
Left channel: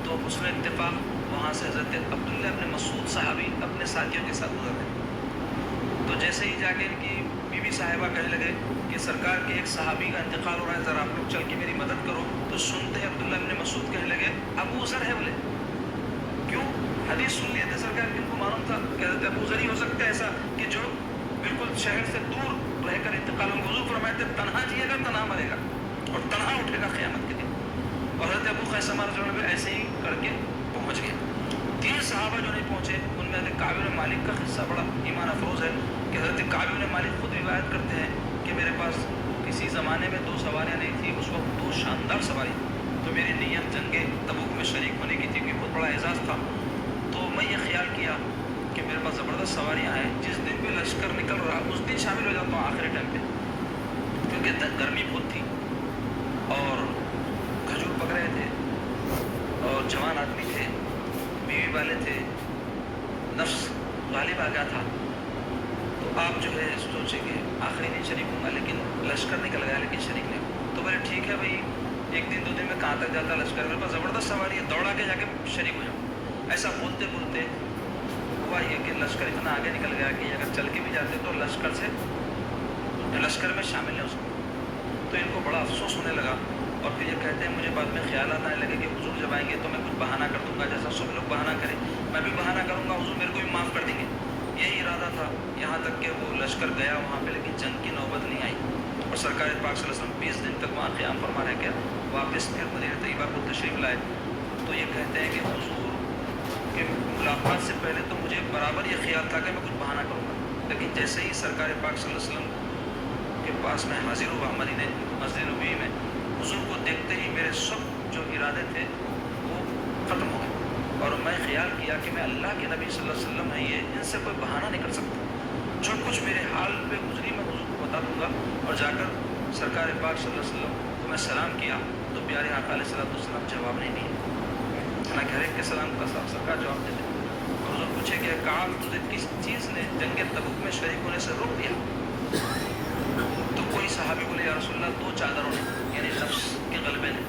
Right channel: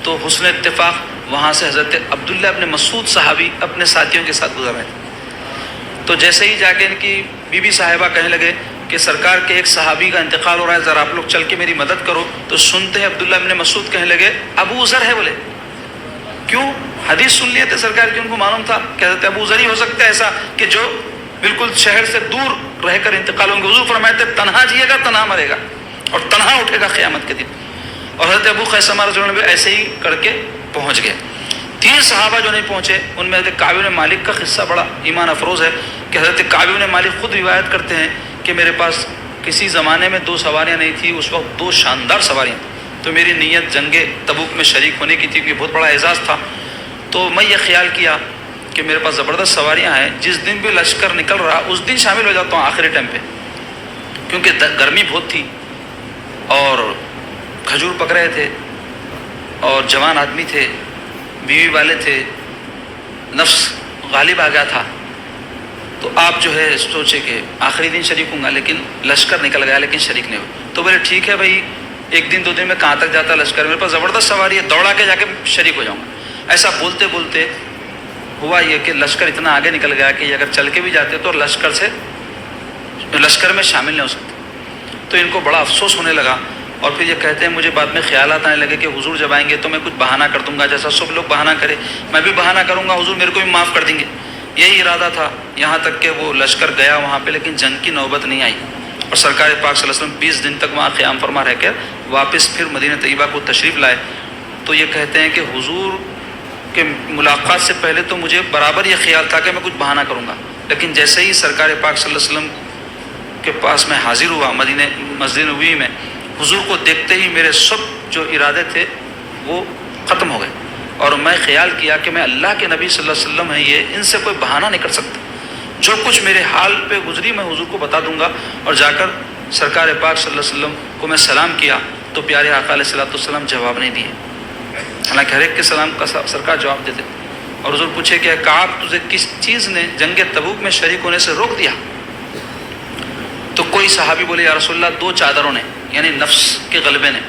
تو حسن اتفاق وہاں سے حضرت عبداللہ ابن مسعود صحابی اپنے ساتھیوں کے ساتھ گزر رہے تھے۔ تو جیسے ہی جا کے ان کی بی بی صاحبہ کہنے لگے کہ سرکار کے ایک صحابی کا انتقال ہو رہا ہے، ذرا آپ لوگ چل کے میری مدد کرو، تو سنتے ہیں عبداللہ ابن مسعود کہنے لگے ابو ذر ہے، بولے کیوں؟ حدیث سن لیے تھے سرکار کی، ان کو معلوم تھا کہ حضرت ابو ذر ہی ہو سکتا ہے ایسا کہ جو بالکل شہر سے دور رہ کر انتقال ہوں گے۔ حضور فرمائے تھے تنہا جیے گا تنہا مرے گا اور تنہا اٹھے گا قیامت کے دن۔ اور حضرت ابو خیثمہ رضی اللہ عنہ بھی ایسے ہی کر کے پہنچ گئے۔ 3 صحابہ جو نہیں پہنچے ان میں حضرت کعب بن مالک کا قصہ بڑا ایمان افروز ہے کہ حضرت کعب بن مالک خود روایت کرتے ہیں کہ میرے پاس کسی زمانے میں 2 سواریاں نہیں تھیں، اس وقت 2 شاندار سواریاں، تو میری نیت جنگ تبوک میں شریک ہونے کی تھی کہ بہت بڑا اعزاز تھا، تو میں یہ خیال کیا کہ میرے پاس زبردست سواریاں ہیں، جس دن بھی لشکر نکل رہا اس دن شامل ہو جاتا ہوں آخری ٹائم پہ، کیونکہ گرمی بہت تھی اور کھجور پک رہے تھے اور جوان آدمی تھے، بیوی والے تھے، نفس غالب آ گیا تھا، تو آپ جو ہے سوچے کہ آخری دن شریک ہوں گا، لیکن لشکر نکل گیا لیکن شریک نہیں ہو، تو بولے ٹھیک ہے بھائی 1 دن 2 دن میں کہاں تک جاتا لشکر، میرے پاس زبردست سواری ہے، دوڑا کے جا کے شریک ہو جاؤں گا۔ ایسا بولتے بولتے ہوا یہ کہ لشکر اتنا آگے نکل گیا کہ اگر چل کے بھی جاتے تو لشکر میں شامل نہیں ہو سکتے، تو ان کو بڑا افسوس ہونے لگا، اور پھر یہ کہتے ہیں مجھے بعد میں خیالات آنے لگے کہ حضور جب آئیں گے تو میں کچھ بہانہ کر دوں گا، جیسا سب لوگ بہانہ کرے میں بھی بہانہ کروں گا، حضور میرے کو بھی معاف کر دیں گے، یہی ارادہ تھا۔ یہاں تک کہ وہ لشکر گیا وہاں پہ لیکن جنگ کی نوبت نہیں آئی، اور سرکار پاک صلی اللہ علیہ وسلم 20 دن تک وہاں قیام فرما رہ کر واپس پھر مدینہ طیبہ کو تشریف لائے۔ تو یہ کہتے ہیں کہ حضور کہ ملاقات سے پہلے تو مجھے برابر یہ خیال تھا کہ میں کچھ بہانہ کروں گا، لیکن جیسے ہی سرکار پاک صلی اللہ علیہ وسلم کے پاس میں حاضر ہوا مدینہ مسجد نبوی میں، حضور کو دیکھتے ہی میرے سب جو ارادے تھے وہ ختم ہو گئے، اور میں خیال کیا کہ میں اللہ کے نبی صلی اللہ علیہ وسلم ہیں، یہ ان سے کوئی بہانہ نہیں کر سکتا، جو کچھ میرے حال پہ گزری میں حضور کو بتا دوں گا۔ اور جا کر سرکار پاک صلی اللہ علیہ وسلم کو میں سلام کیا تو پیارے آقا علیہ الصلوۃ والسلام جواب نہیں دیے، حالانکہ ہر ایک کے سلام کا سرکار جواب دیتے، اور حضور پوچھے کہ کعب تجھے کس چیز نے جنگ تبوک میں شریک ہونے سے روک دیا؟ تو کوئی صحابی بولے یا رسول اللہ 2 چادروں نے، یعنی نفس کے غلبے نے۔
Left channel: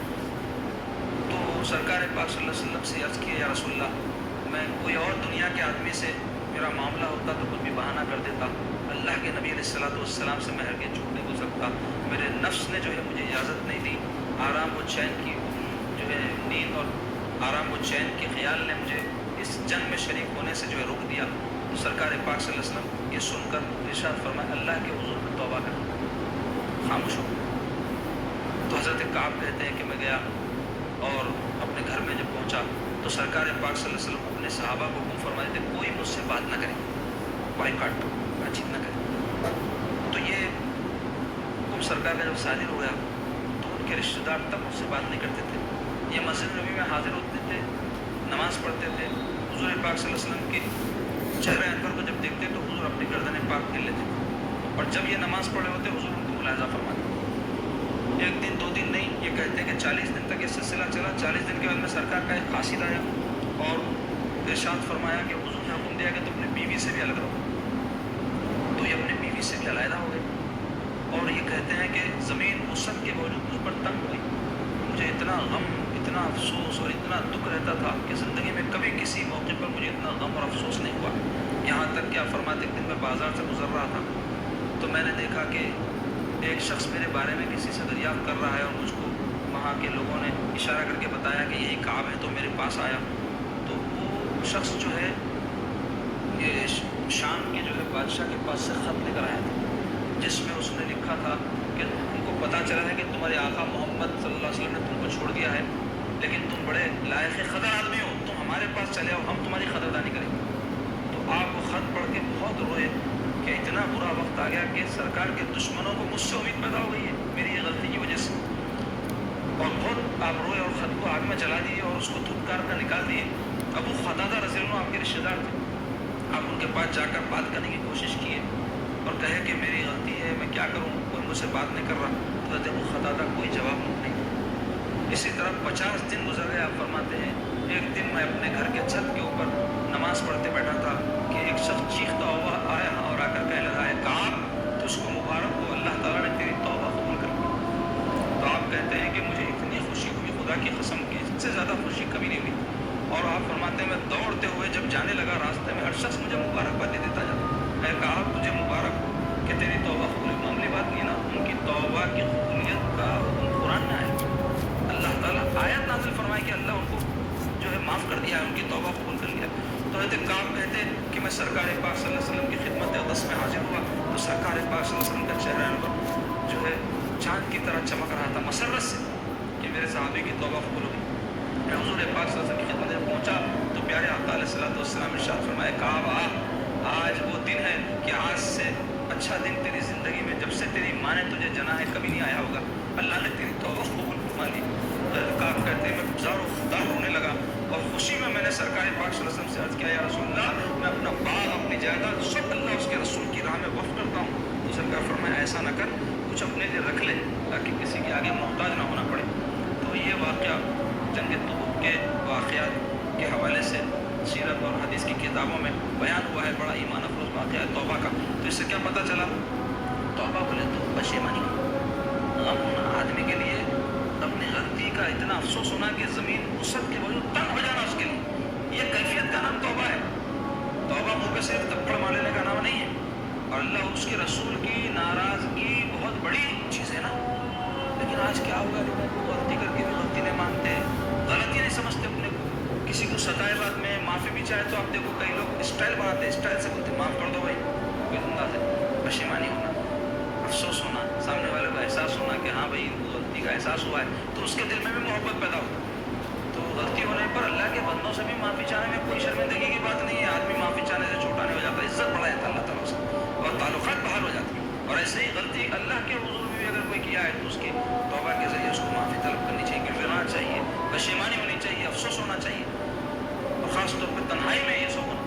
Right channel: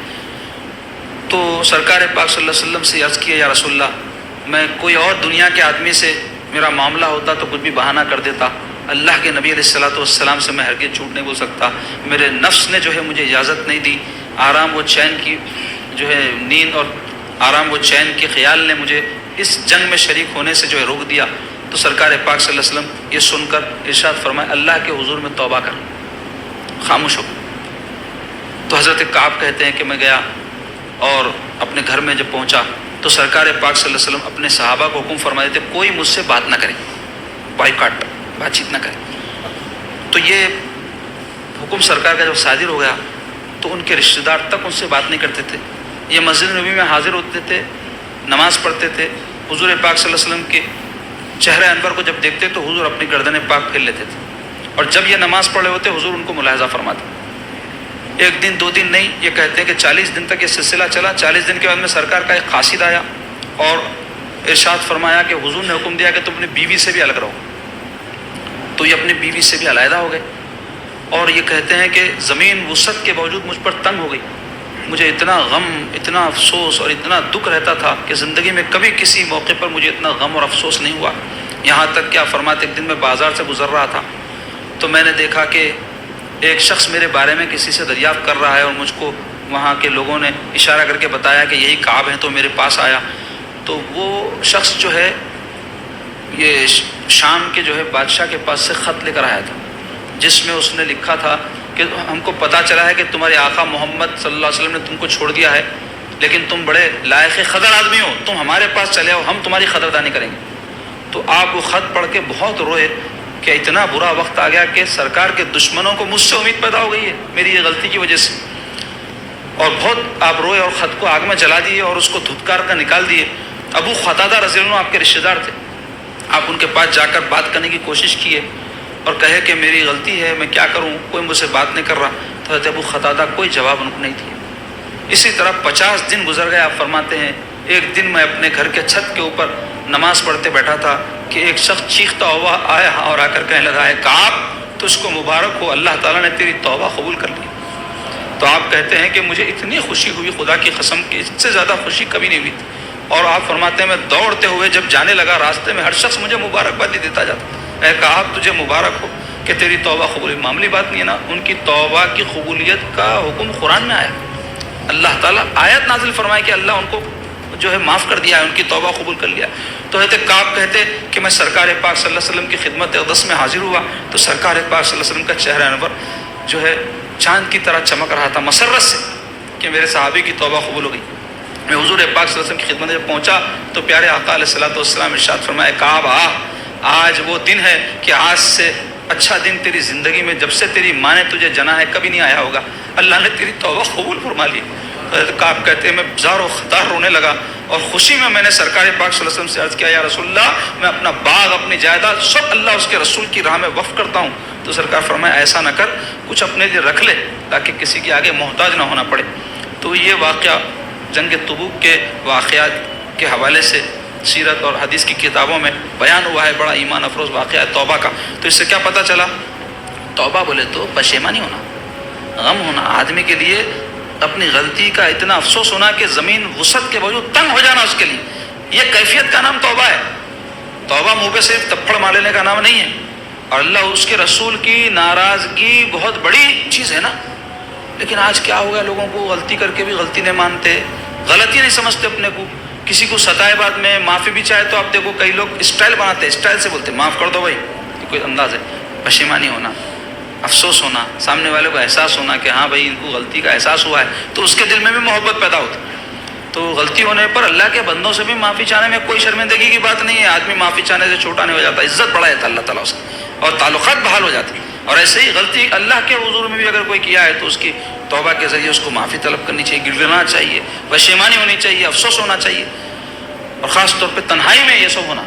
تو سرکار پاک صلی اللہ علیہ وسلم سے عرض کیا یا رسول اللہ میں کوئی اور دنیا کے آدمی سے میرا معاملہ ہوتا تو کچھ بھی بہانہ کر دیتا، اللہ کے نبی علیہ الصلوۃ والسلام سے میں ہرگز جھوٹ نہیں بول سکتا، میرے نفس نے جو ہے مجھے اجازت نہیں دی، آرام و چین کی جو ہے نیند اور آرام و چین کے خیال نے مجھے اس جنگ میں شریک ہونے سے جو ہے روک دیا۔ تو سرکار پاک صلی اللہ علیہ وسلم یہ سن کر ارشاد فرمائے اللہ کے حضور میں توبہ کر، خاموش ہو۔ تو حضرت کعب کہتے ہیں کہ میں گیا اور اپنے گھر میں جب پہنچا تو سرکار پاک صلی اللہ علیہ وسلم اپنے صحابہ کو حکم فرما دیتے کوئی مجھ سے بات نہ کرے، بائیکاٹ، بات چیت نہ کرے۔ تو یہ حکم سرکار کا جب صادر ہو گیا تو ان کے رشتہ دار تک ان سے بات نہیں کرتے تھے، یہ مسجد نبوی میں حاضر ہوتے تھے، نماز پڑھتے تھے، حضور پاک صلی اللہ علیہ وسلم کے چہرہ انور کو جب دیکھتے تو حضور اپنی گردن پاک پھیر لیتے تھے، اور جب یہ نماز پڑھ رہے ہوتے حضور ان کو ملاحظہ فرماتے. ایک دن دو دن نہیں، یہ کہتے ہیں کہ 40 دن تک یہ سلسلہ چلا. 40 دن کے بعد میں سرکار کا ایک قاصد آیا اور ارشاد فرمایا کہ حضور نے حکم دیا کہ تم اپنی بیوی سے بھی الگ رہو. تو یہ اپنی بیوی سے بھی علیحدہ ہو گئے، اور یہ کہتے ہیں کہ زمین وسعت کے باوجود مجھ پر تنگ ہو گئی. مجھے اتنا غم، اتنا افسوس اور اتنا دکھ رہتا تھا کہ زندگی میں کبھی کسی موقع پر مجھے اتنا غم اور افسوس نہیں ہوا. یہاں تک کیا فرماتے، ایک دن میں بازار سے گزر رہا تھا تو میں نے دیکھا کہ ایک شخص میرے بارے میں کسی سے دریافت کر رہا ہے، اور مجھ کو وہاں کے لوگوں نے اشارہ کر کے بتایا کہ یہی کعب ہے. تو میرے پاس آیا تو وہ شخص جو ہے یہ شام کے جو ہے بادشاہ کے پاس سے خط لے کر آیا تھا، جس میں اس نے لکھا تھا کہ ہم کو پتہ چلا ہے کہ تمہارے آقا محمد صلی اللہ علیہ وسلم نے تم کو چھوڑ دیا ہے، لیکن تم بڑے لائق قدر آدمی ہو، تم ہمارے پاس چلے آؤ، ہم تمہاری قدردانی کریں گے. تو آپ وہ خط پڑھ کے بہت روئے کہ اتنا برا وقت آ گیا کہ سرکار کے دشمنوں کو مجھ سے امید پیدا ہو گئی ہے میری یہ غلطی کی وجہ سے. اور بہت آپ روئے اور خط کو آگ میں جلا دیے اور اس کو دھتکار کر نکال دیے. ابو قتادہ رضی اللہ عنہ آپ کے رشتہ دار تھے، آپ ان کے پاس جا کر بات کرنے کی کوشش کیے اور کہے کہ میری غلطی ہے، میں کیا کروں، کوئی مجھ سے بات نہیں کر رہا. تو حضرت ابو قتادہ کوئی جواب ان کو نہیں دیا. اسی طرح 50 دن گزر گئے. آپ فرماتے ہیں ایک دن میں اپنے گھر کے چھت کے اوپر نماز پڑھتے بیٹھا تھا کہ ایک شخص چیختا ہوا آیا اور آ کر کہنے لگا ہے کعب تجھ کو مبارک ہو، اللہ تعالیٰ نے تیری توبہ قبول کر لی. تو آپ کہتے ہیں کہ مجھے اتنی خوشی ہوئی خدا کی قسم کی، اس سے زیادہ خوشی کبھی نہیں ہوئی تھی. اور آپ فرماتے ہیں میں دوڑتے ہوئے جب جانے لگا راستے میں ہر شخص مجھے مبارکبادی دیتا جاتا، اے کعب تجھے مبارک ہو کہ تیری توبہ قبول ہوئی. معمولی بات نہیں ہے نا، ان کی توبہ کی قبولیت کا حکم قرآن میں آیا. اللہ تعالیٰ آیت نازل فرمائے کہ اللہ ان کو جو ہے معاف کر دیا ہے، ان کی توبہ قبول کر لیا. تو حضرت کعب کہتے کہ میں سرکار پاک صلی اللہ علیہ وسلم کی خدمت اقدس میں حاضر ہوا تو سرکار پاک صلی اللہ علیہ وسلم کا چہرہ انور جو ہے چاند کی طرح چمک رہا تھا مسرت سے کہ میرے صحابی کی توبہ قبول ہو گئی. میں حضور پاک صلی اللہ علیہ وسلم کی خدمت میں جب پہنچا تو پیارے آقا علیہ الصلوۃ والسلام ارشاد فرمائے کعب آج وہ دن ہے کہ آج سے اچھا دن تیری زندگی میں جب سے تیری ماں نے تجھے جنا ہے کبھی نہیں آیا ہوگا، اللہ نے تیری توبہ قبول فرما لی. کعب کہتے ہیں میں زار و خطار رونے لگا اور خوشی میں نے سرکار پاک صلی اللہ علیہ وسلم سے عرض کیا یا رسول اللہ میں اپنا باغ اپنی جائیداد سب اللہ اس کے رسول کی راہ میں وقف کرتا ہوں. تو سرکار فرمایا ایسا نہ کر، کچھ اپنے لیے رکھ لے تاکہ کسی کے آگے محتاج نہ ہونا پڑے. تو یہ واقعہ جنگ تبوک کے واقعات کے حوالے سے سیرت اور حدیث کی کتابوں میں بیان ہوا ہے. بڑا ایمان افروز واقعہ ہے توبہ کا. تو اس سے کیا پتہ چلا؟ توبہ بولے تو پشیمانی ہونا، غم ہونا، آدمی کے لیے اپنی غلطی کا اتنا افسوس ہونا کہ زمین وسعت کے باوجود تنگ ہو جانا اس کے لیے، یہ کیفیت کا نام توبہ ہے. توبہ منہ پہ صرف تپڑ مار لینے کا نام نہیں ہے. اور اللہ اس کے رسول کی ناراضگی بہت بڑی چیز ہے نا. لیکن آج کیا ہو گیا لوگوں کو، غلطی کر کے بھی غلطی نہیں مانتے، غلطی نہیں سمجھتے اپنے کو. کسی کو ستائے بعد میں معافی بھی چاہے تو آپ دیکھو کئی لوگ اسٹائل بناتے ہیں، اسٹائل سے بولتے معاف کر دو بھائی، کوئی انداز ہے. پشیمانی ہونا، افسوس ہونا، سامنے والے کو احساس ہونا کہ ہاں بھائی ان کو غلطی کا احساس ہوا ہے تو اس کے دل میں بھی محبت پیدا ہوتی. تو غلطی ہونے پر اللہ کے بندوں سے بھی معافی چاہنے میں کوئی شرمندگی کی بات نہیں ہے. آدمی معافی چاہنے سے چھوٹا نہیں ہو جاتا، عزت بڑھا جاتا اللہ تعالیٰ اس کی اور تعلقات بحال ہو جاتے. اور ایسے ہی غلطی اللہ کے حضور میں بھی اگر کوئی کیا ہے تو اس کی توبہ کے ذریعے اس کو معافی طلب کرنی چاہیے، گڑگڑانا چاہیے، پشیمانی ہونی چاہیے، افسوس ہونا چاہیے، اور خاص طور پہ تنہائی میں یہ سب ہونا.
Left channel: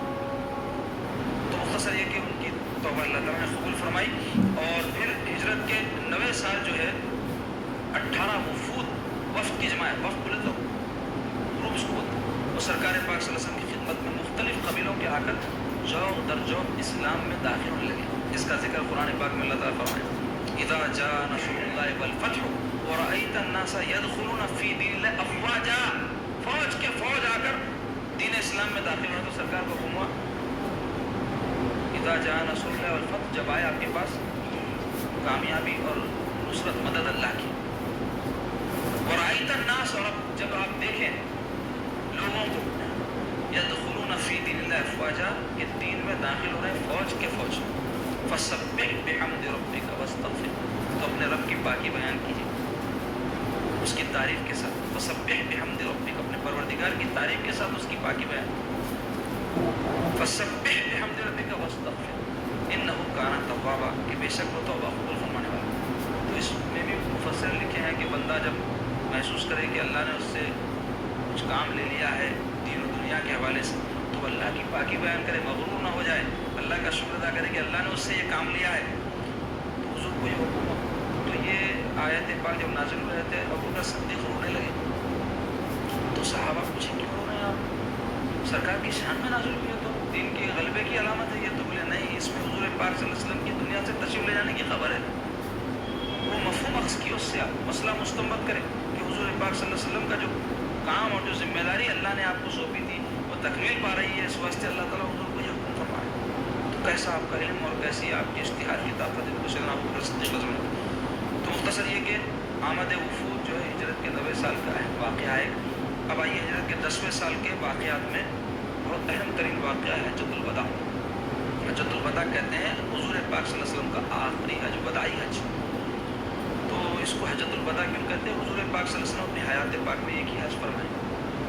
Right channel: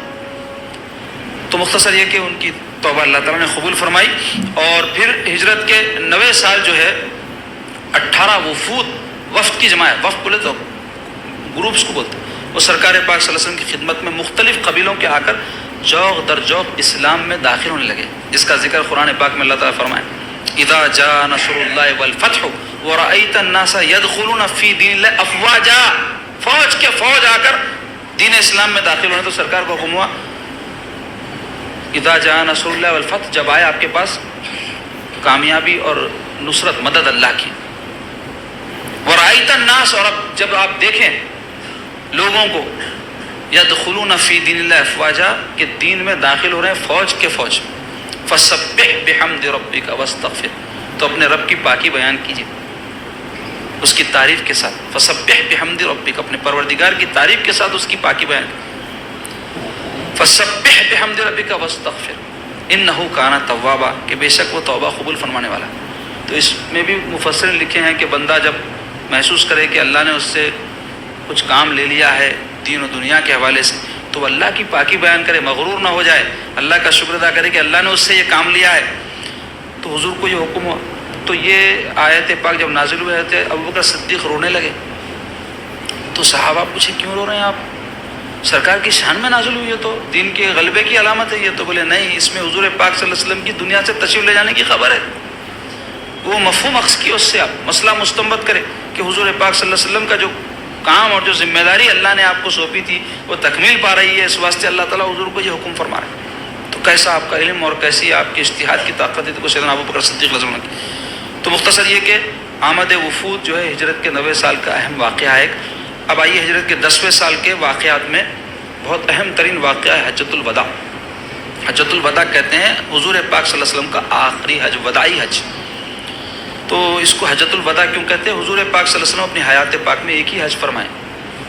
تو مختصر یہ کہ ان کی توبہ اللہ تعالیٰ نے قبول فرمائی. اور پھر ہجرت کے 90 سال جو ہے 18 وفود، وفد کی جماعت، وفد بولے تو گروپس کو بولتے، وہ سرکار پاک صلی اللہ علیہ وسلم کی خدمت میں مختلف قبیلوں کے آ کر جوق در جوق اسلام میں داخل ہونے لگے. جس کا ذکر قرآن پاک میں اللہ تعالیٰ فرمائے اذا جاء نصر اللہ والفتح ورأیت الناس یدخلون فی دین اللہ افواجا، فوج کے فوج آ کر دین اسلام میں داخل ہونے. تو سرکار کو حکم ہوا اذا جاء نصر اللہ والفتح، جب آئے آپ کے پاس کامیابی اور نصرت مدد اللہ کی. ورأیت الناس، اور اب جب آپ دیکھیں لوگوں کو یدخلون فی دین اللہ افواجا کہ دین میں داخل ہو رہے ہیں فوج کے فوج، فسبح بحمد ربک واستغفر، تو اپنے رب کی پاکی بیان کیجیے اس کی تعریف کے ساتھ. فسبح بحمد ربک، اپنے پروردگار کی تعریف کے ساتھ اس کی پاکی بیان. فسبح بحمد ربک واستغفر انہ کان توابا، کہ بے شک وہ توبہ قبول فرمانے والا. تو اس میں بھی مفسرین لکھے ہیں کہ بندہ جب محسوس کرے کہ اللہ نے اس سے کچھ کام لے لیا ہے دین و دنیا کے حوالے سے، تو اللہ کی پاکی بیان کرے, مغرور نہ ہو جائے, اللہ کا شکر ادا کرے کہ اللہ نے اس سے یہ کام لیا ہے. تو حضور کو یہ حکم ہوا. تو یہ آیت پاک جب نازل ہوئے تھے, ابوبکر صدیق رونے لگے. تو صحابہ پوچھے کیوں رو رہے ہیں آپ, سرکار کی شان میں نازل ہوئی ہے, تو دین کے غلبے کی علامت ہے یہ. تو بولے نہیں, اس میں حضور پاک صلی اللہ علیہ وسلم کی دنیا سے تشریف لے جانے کی خبر ہے. وہ مفہوم اخذ کی اس سے آپ مسئلہ مستنبط کرے کہ حضور پاک صلی اللہ علیہ وسلم کا جو کام اور جو ذمہ داری اللہ نے آپ کو سونپی تھی وہ تکمیل پا رہی ہے, اس واسطے اللہ تعالیٰ حضور کو یہ حکم فرما رہے ہیں. تو کیسا آپ کا علم اور کیسی آپ کی اجتہاد کی طاقت ہے کو سیدنا ابوبکر صدیق رضی اللہ عنہ کی. تو مختصر یہ کہ آمد وفود جو ہے ہجرت کے 90 سال کا اہم واقعہ ہے. اب آئیے ہجرت کے 10ویں سال کے واقعات میں بہت اہم ترین واقعہ ہے حجۃ الوداع. حجۃ الوداع کہتے ہیں حضور پاک صلی اللہ علیہ وسلم کا آخری حج, وداعی حج. تو اس کو حجۃ الوداع کیوں کہتے ہیں؟ حضور پاک صلی اللہ علیہ وسلم اپنی حیات پاک میں ایک ہی حج فرمائے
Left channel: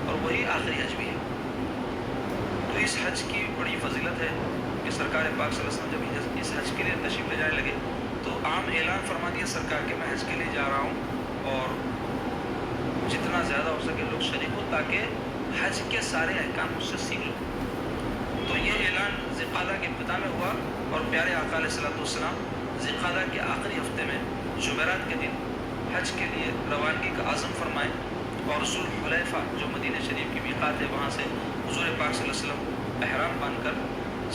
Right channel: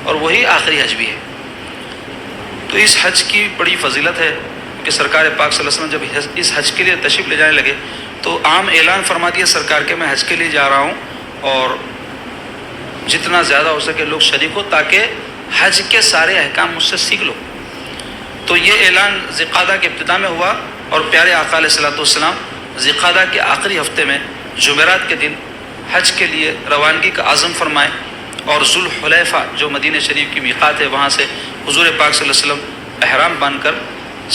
اور وہی آخری حج بھی ہے. تو اس حج کی بڑی فضیلت ہے کہ سرکار پاک صلی اللہ علیہ وسلم جب اس حج کے لیے تشریف لے جانے لگے تو عام اعلان فرما دیا سرکار کے, میں حج کے لیے جا رہا ہوں اور جتنا زیادہ ہو سکے لوگ شریک ہو تاکہ حج کے سارے احکام مجھ سے سیکھ لو. تو یہ اعلان ذی-القعدہ کے ابتدا میں ہوا اور پیارے آقا علیہ الصلوۃ والسلام ذی-القعدہ کے آخری ہفتے میں جمعرات کے دن حج کے لیے روانگی کا عزم فرمائے اور ذوالحلیفہ جو مدینہ شریف کی میقات ہے وہاں سے حضور پاک صلی اللہ علیہ وسلم احرام باندھ کر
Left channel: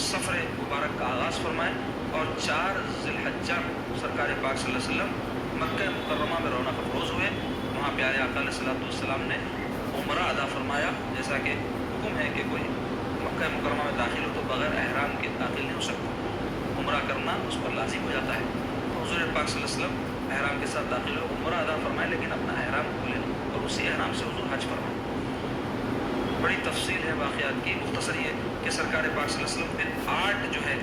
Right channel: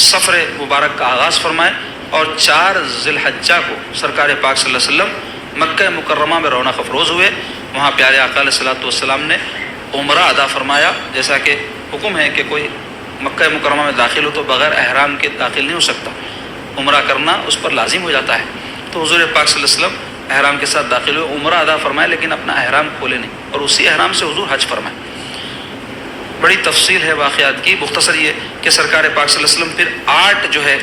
سفر مبارک کا آغاز فرمائے اور 4 ذی الحجہ کو سرکار پاک صلی اللہ علیہ وسلم مکہ مکرمہ میں رونق افروز ہوئے. وہاں پیارے آقا علیہ الصلوۃ والسلام نے عمرہ ادا فرمایا, جیسا کہ حکم ہے کہ کوئی مکہ مکرمہ میں داخل ہو تو بغیر احرام کے داخل نہیں ہو سکتا, عمرہ کرنا اس پر لازم ہو جاتا ہے. تو حضور پاک صلی اللہ علیہ وسلم احرام کے ساتھ داخل ہوئے, عمرہ ادا فرمائے لیکن اپنا احرام کھولے نہیں اور اسی احرام سے حضور حج فرمائے. بڑی تفصیل ہے واقعات کی, مختصر یہ کہ سرکار پاک صلی اللہ علیہ وسلم پھر 8 جو ہے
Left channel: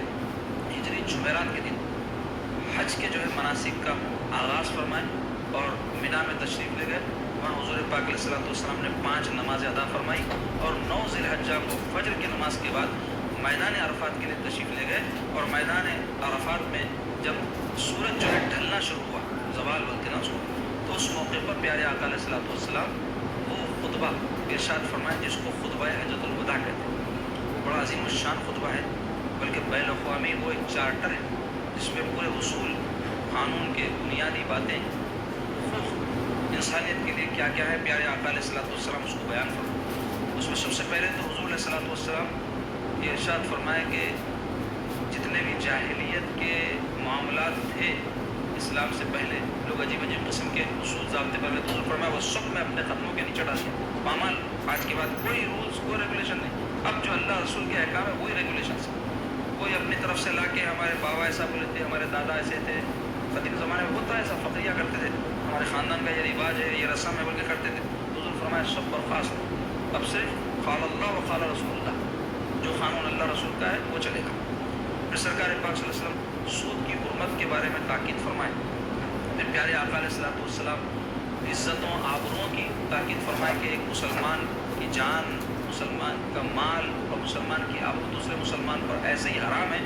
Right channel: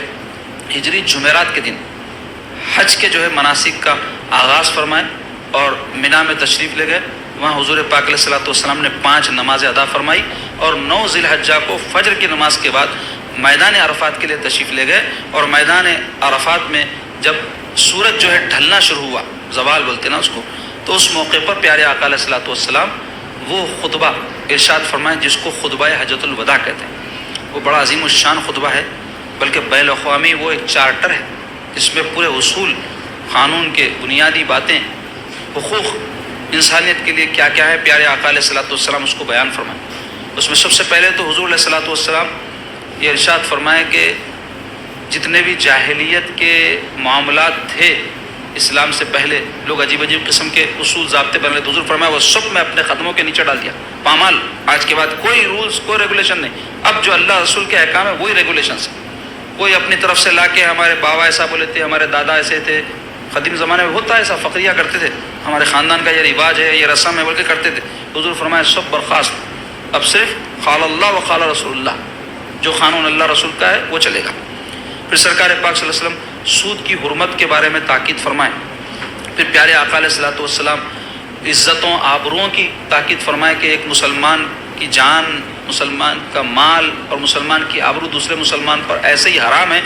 ہجری جمعرات کے دن حج کے جو ہے مناسک کا آغاز فرمائے اور مینا میں تشریف لے گئے. وہاں حضور پاک علیہ الصلوۃ والسلام نے 5 نمازیں ادا فرمائی اور 9 ذی الحجہ کو فجر کی نماز کے بعد میدان عرفات کے لیے تشریف لے گئے. اور میدان عرفات میں جب سورج جو ہے ڈھلنا شروع ہوا, زوال بولتے نا اس کو, تو اس موقع پر پیارے آقا علیہ الصلوۃ والسلام وہ خطبہ ارشاد فرمائے جس کو خطبہ حجۃ الوداع کہتے ہیں. وہ بڑا عظیم الشان خطبہ ہے, بلکہ بین الاقوامی وہ ایک چارٹر ہے جس میں پورے اصول, قانون کے بنیادی باتیں, حقوق انسانیت کے لیے کیا کیا ہے, پیارے آقا علیہ الصلوۃ والسلام اس کو بیان فرمائے. اس میں سب سے پہلے تو حضور علیہ الصلوۃ والسلام یہ ارشاد فرمائے کہ جتنے بھی جاہلیت کے معاملات تھے اسلام سے پہلے, لوگ عجیب عجیب قسم کے اصول ضابطے بن رہے, تو حضور فرمایا وہ سب میں اپنے قدموں کے نیچے ڈال دیا, پامال. آج کے بعد کوئی رولز, کوئی ریگولیشن نہیں, اب جو اللہ رسول کے احکام ہے وہی ریگولیشنس ہے. کوئی اپنی طرف سے لا کے ہمارے بابا ایسا بولے تھے, ہمارے دادا ایسے تھے, قدیم زمانے میں ہوتا ہے ایسا, فقریہ کرتے تھے, ہمارے خاندان کا یہ رواج ہے, یہ رسم ہے بول کے کرتے تھے. حضور فرمایا سب برخاست, اب صرف قال اللہ و قال رسول اللہ, جو قانون اللہ رسول کا ہے وہ چلے گا. پھر سرکار پاک صلی اللہ علیہ وسلم سود کی حرمت کے بارے میں تاکید فرمائے. پھر پیارے آقا علیہ الصلوۃ والسلام عزتوں آبروؤں کی تاکید فرمائے کہ ایک مسلمان کی جان, مسلمان کا مال اور مسلمان کی آبرو دوسرے مسلمان پر ایسے ہی حرام ہے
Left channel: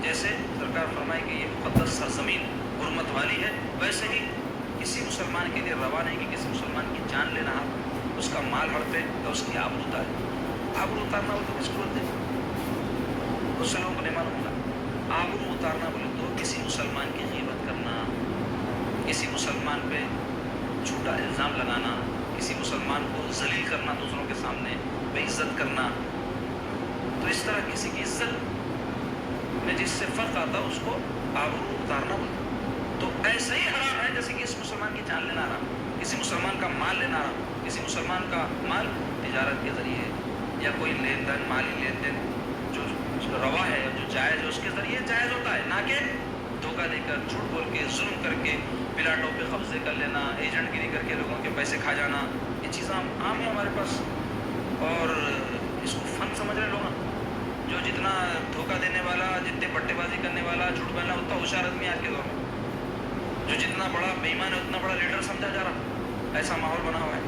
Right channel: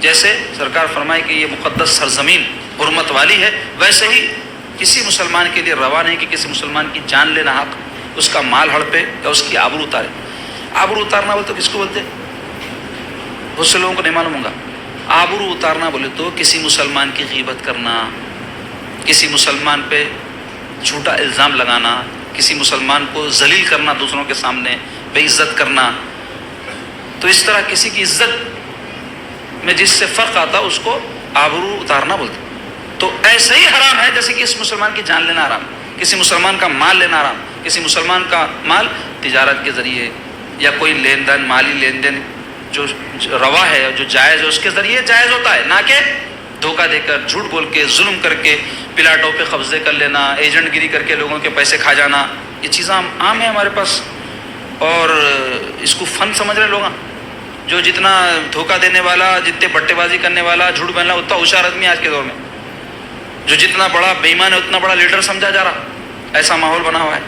جیسے سرکار فرمائے کہ یہ مقدس سرزمین حرمت والی ہے, ویسے ہی کسی مسلمان کے لیے روا نہیں کہ کسی مسلمان کی جان لینا حق, اس کا مال ہڑپے یا اس کی آبرو اتارے. آبرو اتارنا بولے تو کس کو بولتے, بہت سے لوگوں کو نہیں معلوم ہوگا. آبرو اتارنا بولے تو کسی مسلمان کی غیبت کرنا, کسی مسلمان پہ جھوٹا الزام لگانا, کسی مسلمان کو ذلیل کرنا, دوسروں کے سامنے بے عزت کرنا. تو اس طرح کسی کی عزت میں جس سے فرق آتا اس کو آبرو اتارنا بولتے. تو ایسے ہی حرام ہے جیسے کہ اس مسلمان کی جان لینا حرام, کسی مسلمان کا مال لینا حرام, کسی مسلمان کا مال تجارت کے ذریعے یا کوئی لین دین, مالی لین دین جو روا ہے, جو جائز ہے, اس کے ذریعے جائز ہوتا ہے, نہ کہ دھوکہ دے کر, جھوٹ بول کے, ظلم کر کے, پلاٹوں پہ قبضے کر لینا, ایجنٹ گیری کر کے لوگوں کے پیسے کھا جانا. یہ چیزیں عام ہیں ہمارے پاس اور اس کو فن سمجھ رہے لوگ. جو جتنا دھوکہ دینے والا, جتنے بٹے بازی کرنے والا, جھوٹ بولنا, اتنا ہوشیار آدمی آج کے دور میں. جو جتنا بڑا بے ایمان ہے اتنا بڑا لیڈر سمجھا جا رہا, ایسا ماحول بنا ہوا ہے.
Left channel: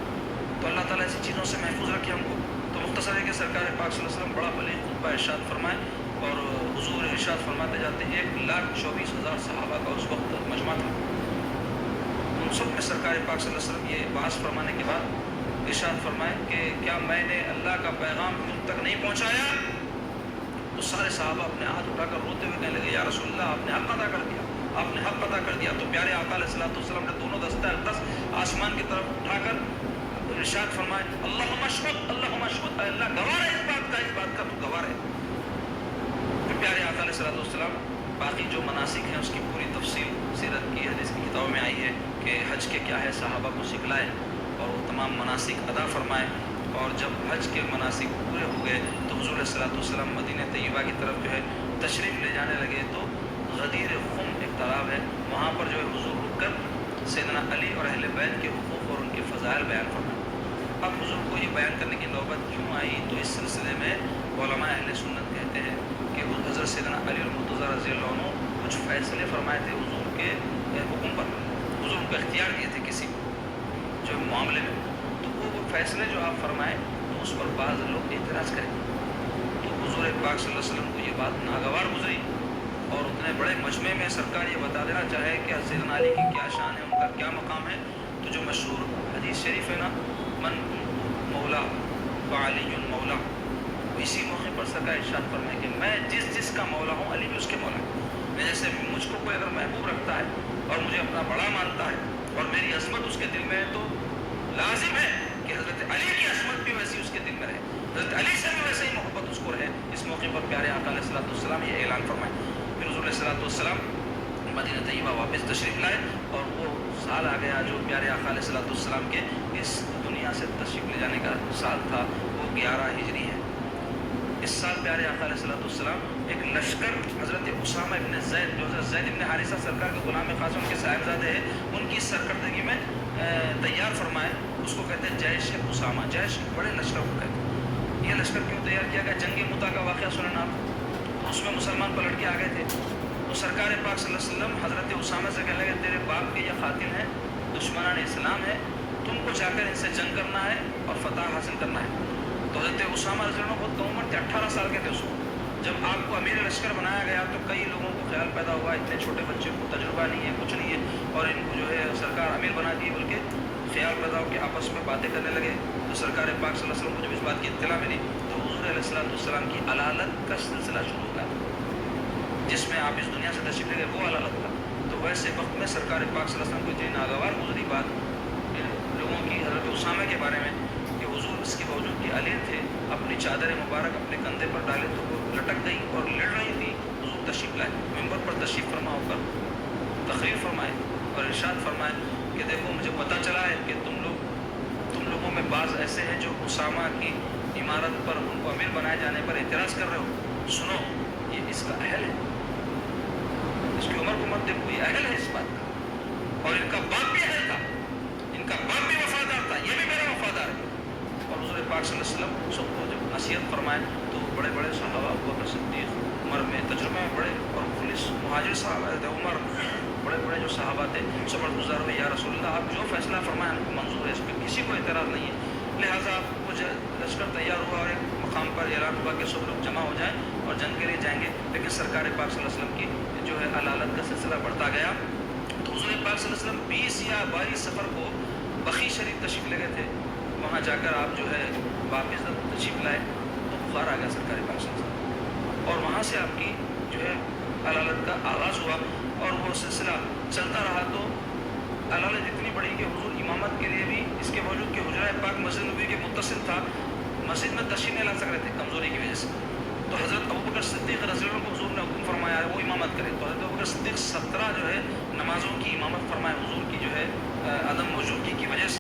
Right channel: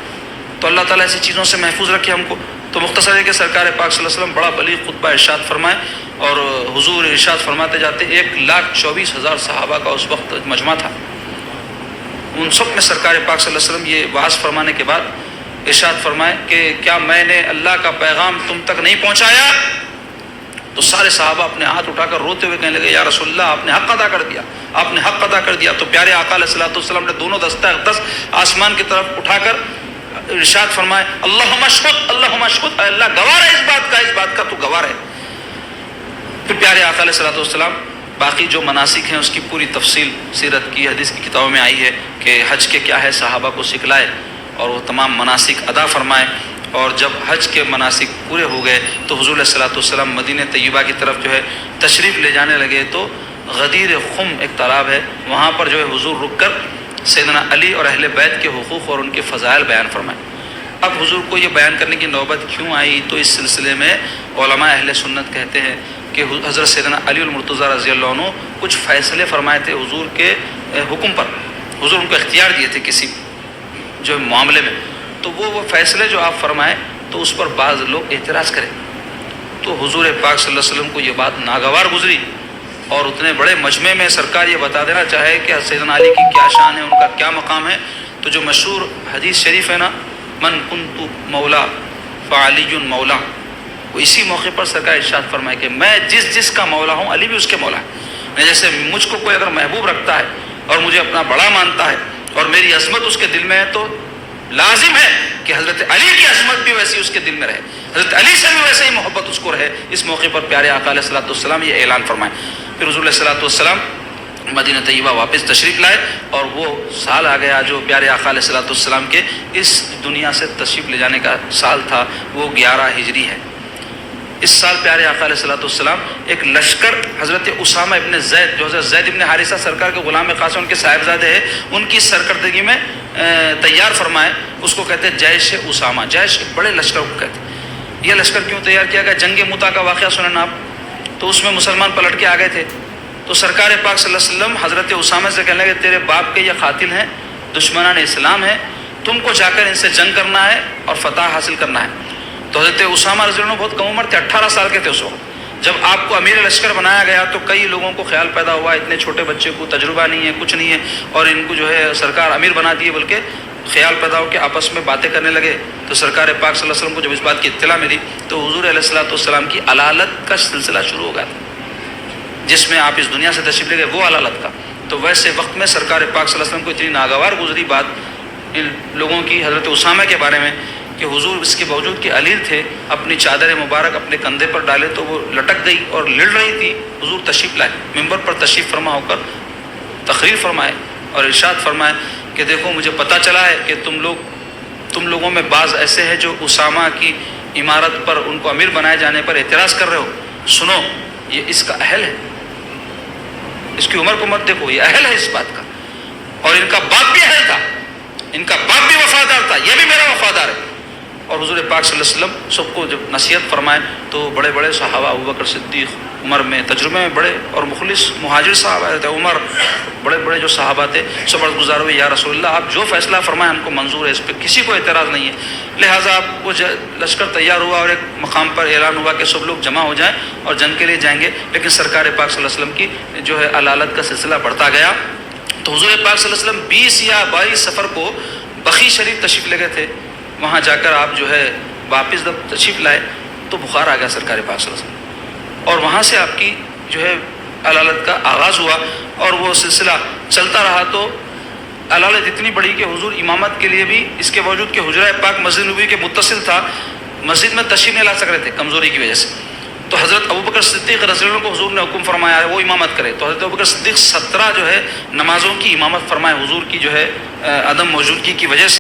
تو اللہ تعالیٰ ایسی چیزوں سے محفوظ رکھے ہم کو. تو مختصر ہے کہ سرکار پاک صلی اللہ علیہ وسلم بڑا بلیغ خطبہ ارشاد فرمائے اور حضور ارشاد فرماتے جاتے 1,24,000 صحابہ کا اس وقت مجمع تھا. ان سب میں سرکار پاک صلی اللہ علیہ وسلم یہ واعظ فرمانے کے بعد ارشاد فرمائے کہ کیا میں نے اللہ کا پیغام تم تک نہیں پہنچایا؟ تو سارے صحابہ اپنے ہاتھ اٹھا کر روتے ہوئے کہنے لگے یا رسول اللہ آپ نے حق ادا کر دیا، آپ نے حق ادا کر دیا۔ تو پیارے آقا علیہ الصلوۃ والسلام نے دونوں دستہ اقدس آسمان کی طرف اٹھا کر ارشاد فرمائے اللہم اشہد اللہم اشہد، اے اللہ گواہ ہے اس بات کا تو گواہ ہے۔ پھر پیارے آقا علیہ الصلوۃ والسلام باقی جو مناسک ہیں اس کی پوری تفصیل سیرت کی حدیث کی کتابوں میں آئی ہے کہ حج کے کیا ہے صحابہ کو سکھلائے اور وہ تمام مناسک ادا فرمائے۔ اور جب حج کے مناسک پورے ہو گئے تو حضور علیہ الصلوۃ والسلام مدینہ طیبہ کی طرف جو ہے تشریف لے جانے لگے تو غدیر خم ایک تالاب ہے، وہاں پر جو ہے حضور رک کر سیدنا علی اور اہل بیت کے حقوق اور ان کے فضائل بیان فرمائے۔ اب حضور کو یہ بیان کرنے کی نوبت کیوں آئی؟ تو اس سلسلے میں علماء اہل سنت کہتے ہیں کہ حضرت سیدنا علی المرتضیٰ رضی اللہ عنہ کچھ فیصلے فرمائے تھے حضور کے حکم پر، حضور ان کو اختیار دیے تھے کسی جو معاملے میں، تو وہ فیصلے جو آپ فرمائیں تو اس پر بعض لوگ اعتراض کریں۔ تو حضور پاک صلی اللہ علیہ وسلم کو یہ بات ناگوار گزری اور اتنے بڑے مجمع میں سرکار یہ بتا دینا چاہے کہ سیدنا علی کی کیا شان ہے، ان کا کیا مقام ہے۔ تو جو مشہور حدیث شریف ہے نا من کنت مولا فعلی مولا، وہ اسی موقع پر سرکار ارشاد فرمائے کہ میں جس کا مولا ہوں علی بھی اس کے مولا ہے۔ جیسے مجھ کو کوئی اگر محبوب رکھتا ہے اور مجھے اپنا بڑا مانتا ہے اور میری عظمت اس کے دل میں ہے تو لازم ہے کہ حضرت علی کی عظمت بھی ویسی اس کے دل میں رہے، حضرت علی سے بھی ویسے ہی محبت اس کو رہے۔ اس موقع پر پیارے آقا علیہ الصلوۃ والسلام یہ اعلان فرمائے۔ پھر حضور علیہ الصلوۃ والسلام مدینہ طیبہ واپس تشریف لائے اور وہ سال آ گیا جو پیارے آقا علیہ الصلوۃ والسلام کے اس دنیا سے تشریف لے جانے کا سال تھا، وہ 11 ہجری ہے۔ اس سال پیارے آقا علیہ الصلوۃ والسلام ایک لشکر حضرت اسامہ ابن زید جو حضرت زید ابن حارثہ سرکار کے غلام خاص ان کے صاحبزادے ہیں، ان کی سرکردگی میں تیار فرمائے۔ اس کو کہتے ہیں جیش اسامہ، جیش ایک بڑے لشکر کو کہتے ہیں۔ یہ لشکر کیوں تیار کیا گیا؟ جنگ متا کا واقعہ سنیں آپ، تو اس میں مسلمان پلٹ کے آ گئے تھے، تو سرکار پاک صلی اللہ علیہ وسلم حضرت اسامہ سے کہنے لگے تیرے باپ کے یہ قاتل ہیں، دشمنان اسلام ہیں، تم کو جا کر ان سے جنگ کرنا ہے اور فتح حاصل کرنا ہے۔ تو حضرت اسامہ رضی اللہ عنہ بہت کم عمر تھے، 18 سال کے تھے اس وقت۔ جب آپ کو امیر لشکر بنایا گیا تو کئی لوگوں کو خیال پیدا ہوا اتنے چھوٹے بچے کو تجربہ نہیں ہے، کچھ نہیں ہے، اور ان کو جو ہے سرکار امیر بنا دیے، بلکہ خیال پیدا ہو کہ آپس میں باتیں کرنے لگے۔ تو سرکار پاک صلی اللہ علیہ وسلم کو جب اس بات کی اطلاع ملی تو حضور علیہ الصلوۃ والسلام کی علالت کا سلسلہ شروع ہو گیا تھا، جس میں آپ اس دنیا سے تشریف لے گئے وہ علالت کا۔ تو ویسے وقت میں سرکار پاک صلی اللہ علیہ وسلم کو اتنی ناگوار گزری بات ان لوگوں کی حضرت اسامہ کے بارے میں کہ حضور اس کے باوجود کہ علیل تھے اپنی چادر مبارک اپنے کندھے پر ڈالے تو وہ لٹک گئی اور لڑ رہی تھی۔ حضور تشریف لائے، ممبر پر تشریف فرما ہو کر تقریر فرمائے اور ارشاد فرمائے کہ دیکھو مجھے پتہ چلا ہے کہ تم لوگوں میں بعض ایسے ہیں جو اسامہ کی عمارت پر ان کو امیر بنائے جانے پر اعتراض کر رہے ہو، سنو یہ اس کا اہل ہے، اس کی عمر کو مت دیکھو، یہ اہل ہے اس بات کا، اور ان کا باپ بھی اہل تھا، ان کا باپ بھی وفادار تھا، یہ بھی میرا وفادار ہے۔ اور حضور پاک صلی اللہ علیہ وسلم سب کو جب نصیحت فرمائے تو بڑے بڑے صحابہ ابوبکر صدیق عمر میں تجربے میں بڑے اور مخلص مہاجر صحابہ تھے، عمر بڑے بڑے جو صحابہ تھے سب عرض گزار ہوئے یا رسول اللہ آپ جو فیصلہ فرمائیں ہم کو منظور ہے، اس پہ کسی کو اعتراض نہیں ہے۔ لہٰذا آپ کو لشکر تیار ہوا اور ایک مقام پر اعلان ہوا کہ سب لوگ جمع ہو جائیں اور جنگ کے لیے جائیں گے، لیکن سرکار پاک صلی اللہ علیہ وسلم کی جو ہے علالت کا سلسلہ بڑھتا گیا۔ تو حضور پاک صلی اللہ علیہ وسلم 20 یا 22 سفر کو بقیع شریف تشریف لے گئے تھے، وہاں جا کر آپ جو ہے واپس جب تشریف لائے تو بخار آ گیا سرکار پاک صلی اللہ علیہ وسلم، اور وہاں سے آپ کی جو ہے علالت کا آغاز ہوا اور وہ سلسلہ چلتا رہا۔ تو علالت اتنی بڑی کہ حضور امامت کے لیے بھی اس کے باوجود کہ حجرہ پاک مسجد نبوی کے متصل تھا، مسجد میں تشریف نہیں لا سک رہے تھے کمزوری کی وجہ سے، تو حضرت ابوبکر صدیق رضی اللہ عنہ کو حضور نے حکم فرمایا ہے وہ امامت کرے، تو حضرت ابوبکر صدیق 17 جو ہے نمازوں کی امامت فرمائے، حضور کی جو ہے عدم موجودگی کی وجہ سے